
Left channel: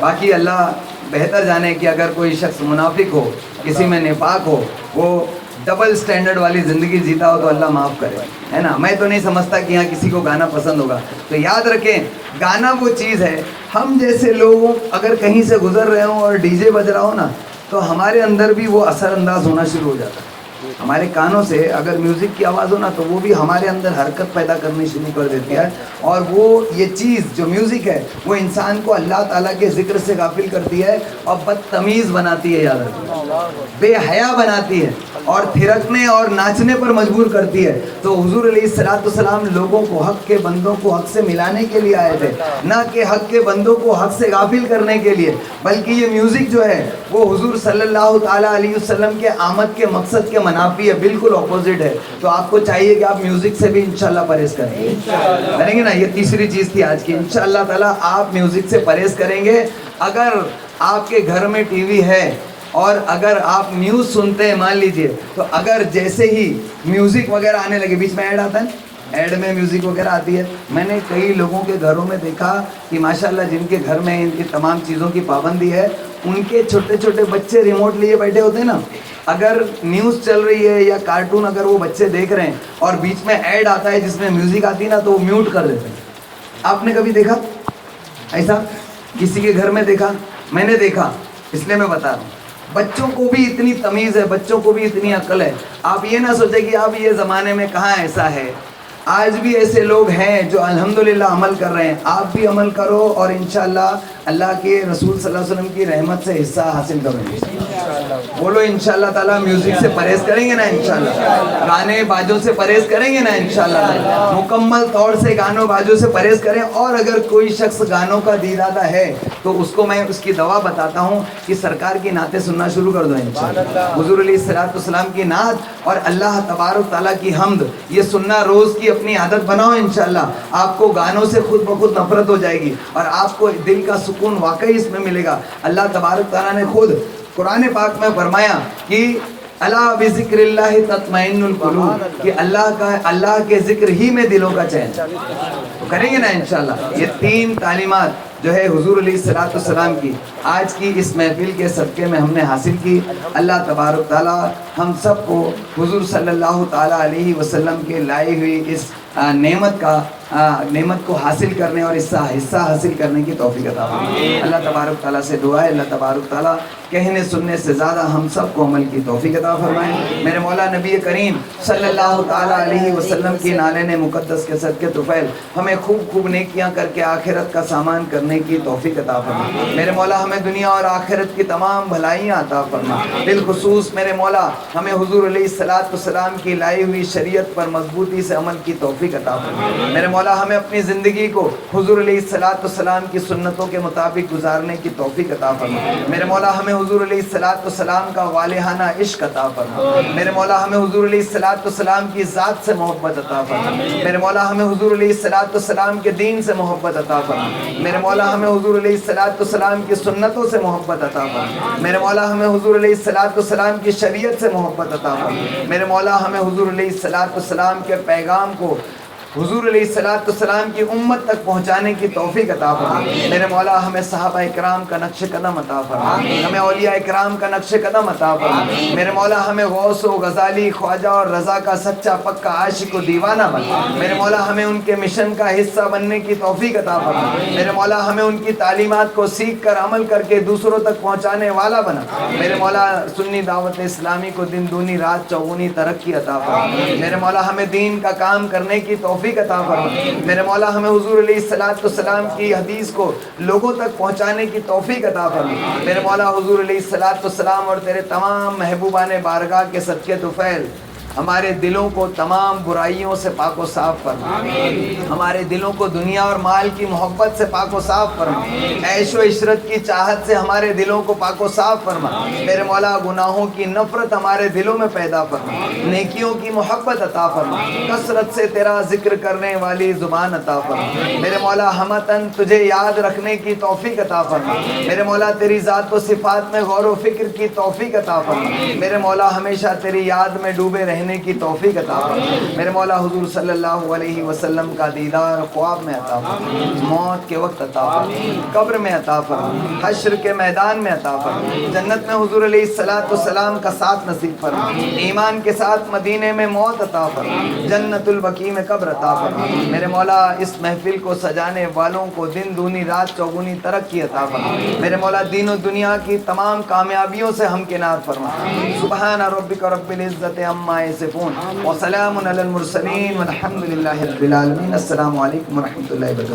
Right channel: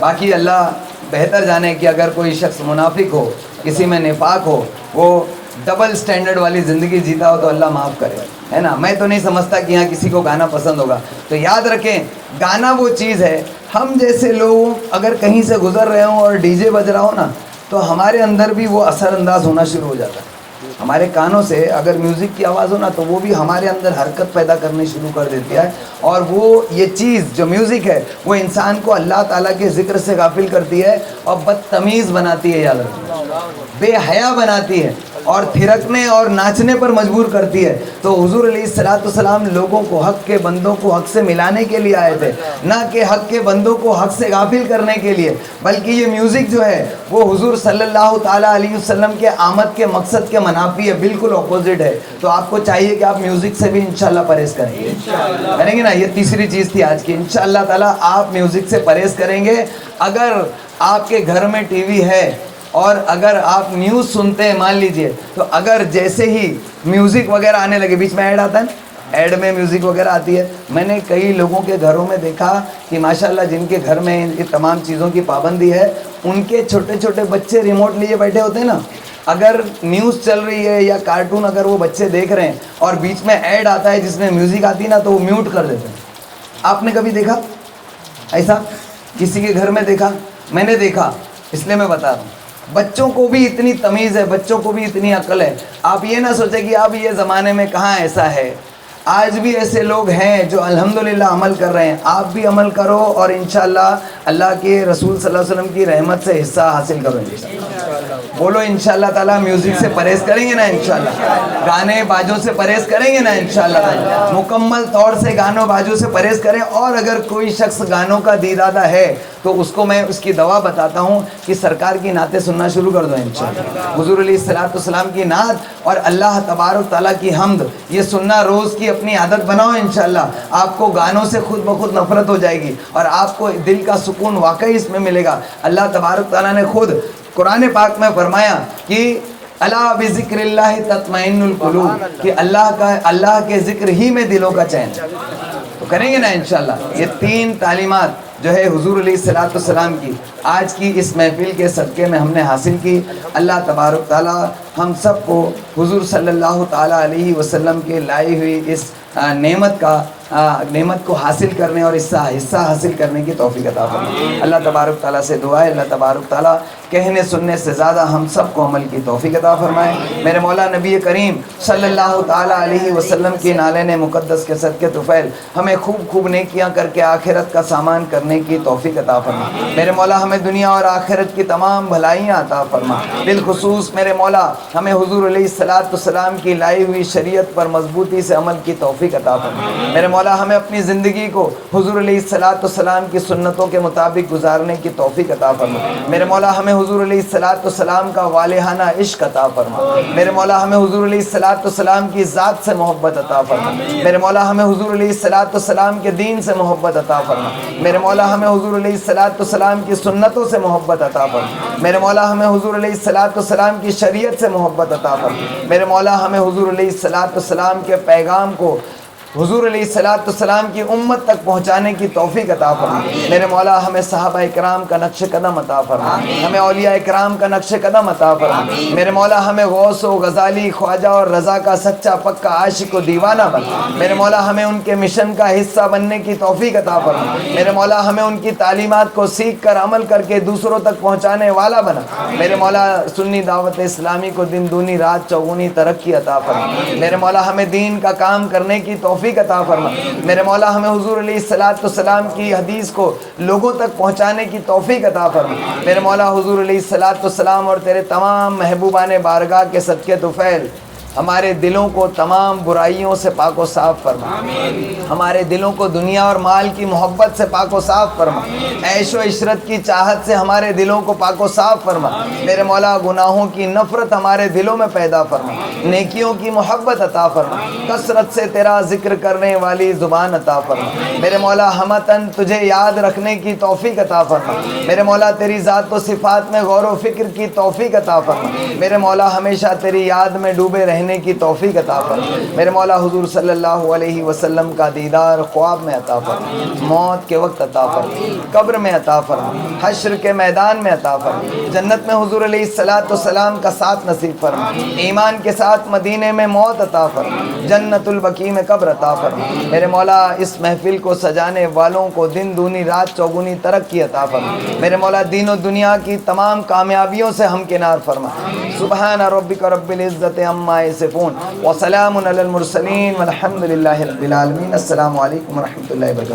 باقی اللہ بہتر جانے کہ اگر کوئی شخص منافق ہو, کسی میں نفاق ہو, وہ ڈبل سٹینڈرڈ والی زندگی جیتا ہو تو اللہ معاف کرے, ہے نا. میں تو نہیں سمجھتا کہ یہاں کسی کو گانا پسند ہوگا. تو یاد رکھیں گانا وہ چیز ہے, ہم جیسے لوگ اگر کہیں سے گزر رہے ہوں اور ڈی جے بج رہا ہو نا, تو ہمارے اندر بھی وہ اثر انداز ہونا شروع ہو جاتا ہے. ہمارے کانوں سے اگر میوزک کی آواز ہو نا, تو وہ بھی ہمارے اندر حرکت پیدا کرنی شروع کر دیتی ہے. اور وہ یہ چیز جو میوزک ہے وہ انسان کو اللہ تعالیٰ کے ذکر سے غافل کرتی ہے, اور بدتمیز بناتی ہے, یاد رکھیں, بے حیا بناتی ہے, اور تھرکنے اور ناچنے پر مجبور کرتی ہے. تو حضور علیہ الصلوۃ والسلام لوگوں کو, حق کے بندوں کو حق سے ملانے کے لیے آئے تھے, نہ کہ حق کے بندوں کو حق سے غافل کرنے کے لیے. بلکہ یہ میوزک جو ہے وہ حضور صلی اللہ تعالیٰ علیہ وسلم کے آمد کے مقصد کے منافی ہے, بالکل اپوزٹ ہے. تو آپ کو چاہیے کہ آپ میوزک سے بھی انشاءاللہ پرہیز کریں گے نا. یہ تیسری چیز تھی آج کی. انشاءاللہ تعالیٰ آپ میوزک سے پرہیز کریں گے. اگر آپ کے گھر میں ٹی وی ہے اور اگر آپ نیوز سنتے ہیں, مان لیجئے, تو اگر جیسے ہی میوزک وغیرہ آنے لگے, بیچ میں ایڈ آتا ہے, ایڈ میں میوزک وغیرہ آتی ہے, میں نے کئی لوگوں کے گھروں میں دیکھا کہ ماشاءاللہ جن کے گھر میں ان تمام چیزوں کی پابندی ہے, ان کے چھوٹے چھوٹے بچے ریموٹ لیے بیٹھے ہوتے ہیں نا, اگر نیوز چل رہی ہے یا کارٹون اگر وہ بچے دیکھ رہے ہیں اور بیچ میں ایڈ آتا ہے جس میں میوزک آتی ہے نا, تو وہ میوٹ کر دیتے ہیں. آپ نے کبھی دیکھا ایسا؟ کسی کے گھر میں دیکھا؟ میں نے دیکھا, اس لیے میں بتا رہا ہوں. بچوں کو بھی اتنی تمیز ہے, بچوں کو بھی اتنی عقل ہے. آپ یہ نہ سوچیں کہ اب یہ زمانے میں کہاں ایسا ہے. آج بھی ایسے لوگ ہیں جو الحمدللہ عمل کر رہے ہیں. آپ بھی عمل کرو اور انشاءاللہ اللہ کے رسول صلی اللہ علیہ وسلم کی رحمت سے حصہ حاصل کرو. بولو انشاءاللہ تعالیٰ. میوزک سے پرہیز کریں گے نا انشاءاللہ, گانے باجوں سے پرہیز کریں گے نا انشاءاللہ, مکمل طور سے گانوں باجوں سے پرہیز کریں. اور اگر کوئی شخص گانوں کا دیدادہ ہے تو اس کو میں اس کی دوا بتاتا ہوں کہ سرکار کی نعتیں سننا شروع کر دو انشاءاللہ. حضور علیہ الصلوۃ والسلام کی نعت اور اللہ تبارک تعالیٰ کی حمد, یہ سننا روز کی اپنی عادت بناؤ انشاءاللہ. آپ کو گانوں سے خود بخود نفرت ہو جائے گی اور آپ کو دل کا سکون واقعی اس میں ملے گا. اللہ تبارک تعالیٰ نے خود قرآن پاک میں فرمایا کہ الا بذکر اللہ تطمئن القلوب, کہ اللہ کے ذکر ہی میں دلوں کا چین. کریں گے نا انشاءاللہ. یہ 3 تعلیمات جو ہے حضور علیہ الصلوۃ والسلام کی آج کی اس محفل کے صدقے میں ہم نے حاصل کی. اللہ تبارک تعالیٰ ہم سب کو حضور صلی اللہ تعالیٰ علیہ وسلم کے لائی ہوئی اس نعمت کو حاصل کرنے اور حصہ حاصل کرنے کی توفیق عطا فرمائے. اللہ تبارک تعالیٰ سے دعا ہے, اللہ تبارک تعالیٰ کہنے سننے سے زیادہ ہم سب کو عمل کی توفیق عطا فرمائے. میرے مولا نبی کریم صلی اللہ تعالیٰ علیہ وسلم کی نالین مقدس کے صدقے طفیل ہمیں خوب نیکیاں کر کے آخرت کا سامان کرنے کی توفیق عطا فرمائے. میرے مولا ہمیں دنیا اور آخرت کی تمام بھلائیاں عطا فرمائے. بالخصوص میرے مولا ہمیں حضور علیہ الصلوۃ والسلام کی لائی ہوئی شریعت پر مضبوطی سے عمل کی توفیق عطا فرمائے. میرے مولا ہمیں اپنی زندگی کو حضور علیہ الصلوۃ والسلام کی سنتوں کے مطابق گزارنے کی توفیق عطا فرمائے. میرے مولا ہمیں حضور علیہ الصلوۃ والسلام کا والہانہ عشق عطا فرمائے. میرے مولا ہمیں حضور علیہ الصلوۃ والسلام کی ذات سے محبت عطا فرمائے. میرے مولا ہمیں حضور علیہ الصلوۃ والسلام کے دین سے محبت عطا فرمائے. میرے مولا ہمیں حضور علیہ الصلوۃ والسلام کی سنتوں سے محبت عطا فرمائے. میرے مولا ہمیں حضور علیہ الصلوۃ والسلام کی شریعت سے محبت عطا فرمائے. میرے مولا ہمیں حضور علیہ الصلوۃ والسلام کے پیغام کو حضور علیہ الصلوۃ والسلام کی امت تک پہنچانے کی توفیق عطا فرما میرے مولا، ہمیں صحابہ اکرام کا نقش قدم عطا فرما، ہمیں اولیاء اکرام کا نقش قدم عطا فرما میرے مولا، ہمیں غوث و غزالی خواجہ اور رضا کا سچا پکا عاشق و دیوانہ بنا میرے مولا، ہمیں ان کے مشن کا حصہ بننے کی توفیق عطا فرما میرے مولا، ہمیں ان کی تعلیمات کو سیکھ کر عمل کر کے دوسروں تک پہنچانے والا بنا میرے مولا، سنی دعوت اسلامی کو دن دونی رات چوگنی ترقی عطا فرما میرے مولا، ہمیں دین کا کام کرنے کی توفیق عطا فرما میرے مولا، ہمیں حضور علیہ الصلوۃ والسلام کی حدیث کو لوگوں تک پہنچانے کی توفیق عطا فرما میرے مولا، حضور علیہ الصلوۃ والسلام اور تیرے تمام محبوبان بارگاہ کے صدقے طفیل ہمارے دلوں کو تمام برائیوں سے پاک و صاف فرما، ہمارے دلوں کو دنیا اور مال کی محبت سے پاک و صاف فرما، عیش و عشرت کی چاہت سے ہمارے دلوں کو پاک و صاف فرما میرے مولا، گناہوں کی نفرت ہمارے دلوں میں پیدا فرما، نیکیوں کی محبت عطا فرما، کثرت سے تیرا ذکر کرنے والی زبان عطا فرما میرے مولا، ہمتن تجھے یاد رکھنے کی توفیق عطا فرما میرے مولا، تیری ذات و صفات میں غور و فکر کی توفیق عطا فرما میرے مولا، ہمیشہ تیری یاد میں ڈوبے رہنے کی توفیق عطا فرما میرے مولا، حضور صلی اللہ علیہ وسلم کا دیدار خواب میں عطا فرما، موت کے وقت عطا فرما، قبر میں عطا فرما، حشر کے میدان میں عطا فرما، جنت میں حضور علیہ الصلوۃ والسلام کا ساتھ نصیب فرما، ایمان کے ساتھ مدینے میں موت عطا فرما، جنت البقیع میں قبر عطا فرما میرے مولا، اس محفل کو سجانے والوں کو دن دونی رات چوگنی ترقی عطا فرما میرے مولا، دین و دنیا کی تمام کامیابیوں سے ہمکنار فرما سبحان ربک رب العزت عما یصفون وسلام علی المرسلین والحمد للہ رب العالمین۔ السلام علیکم ورحمۃ اللہ وبرکاتہ۔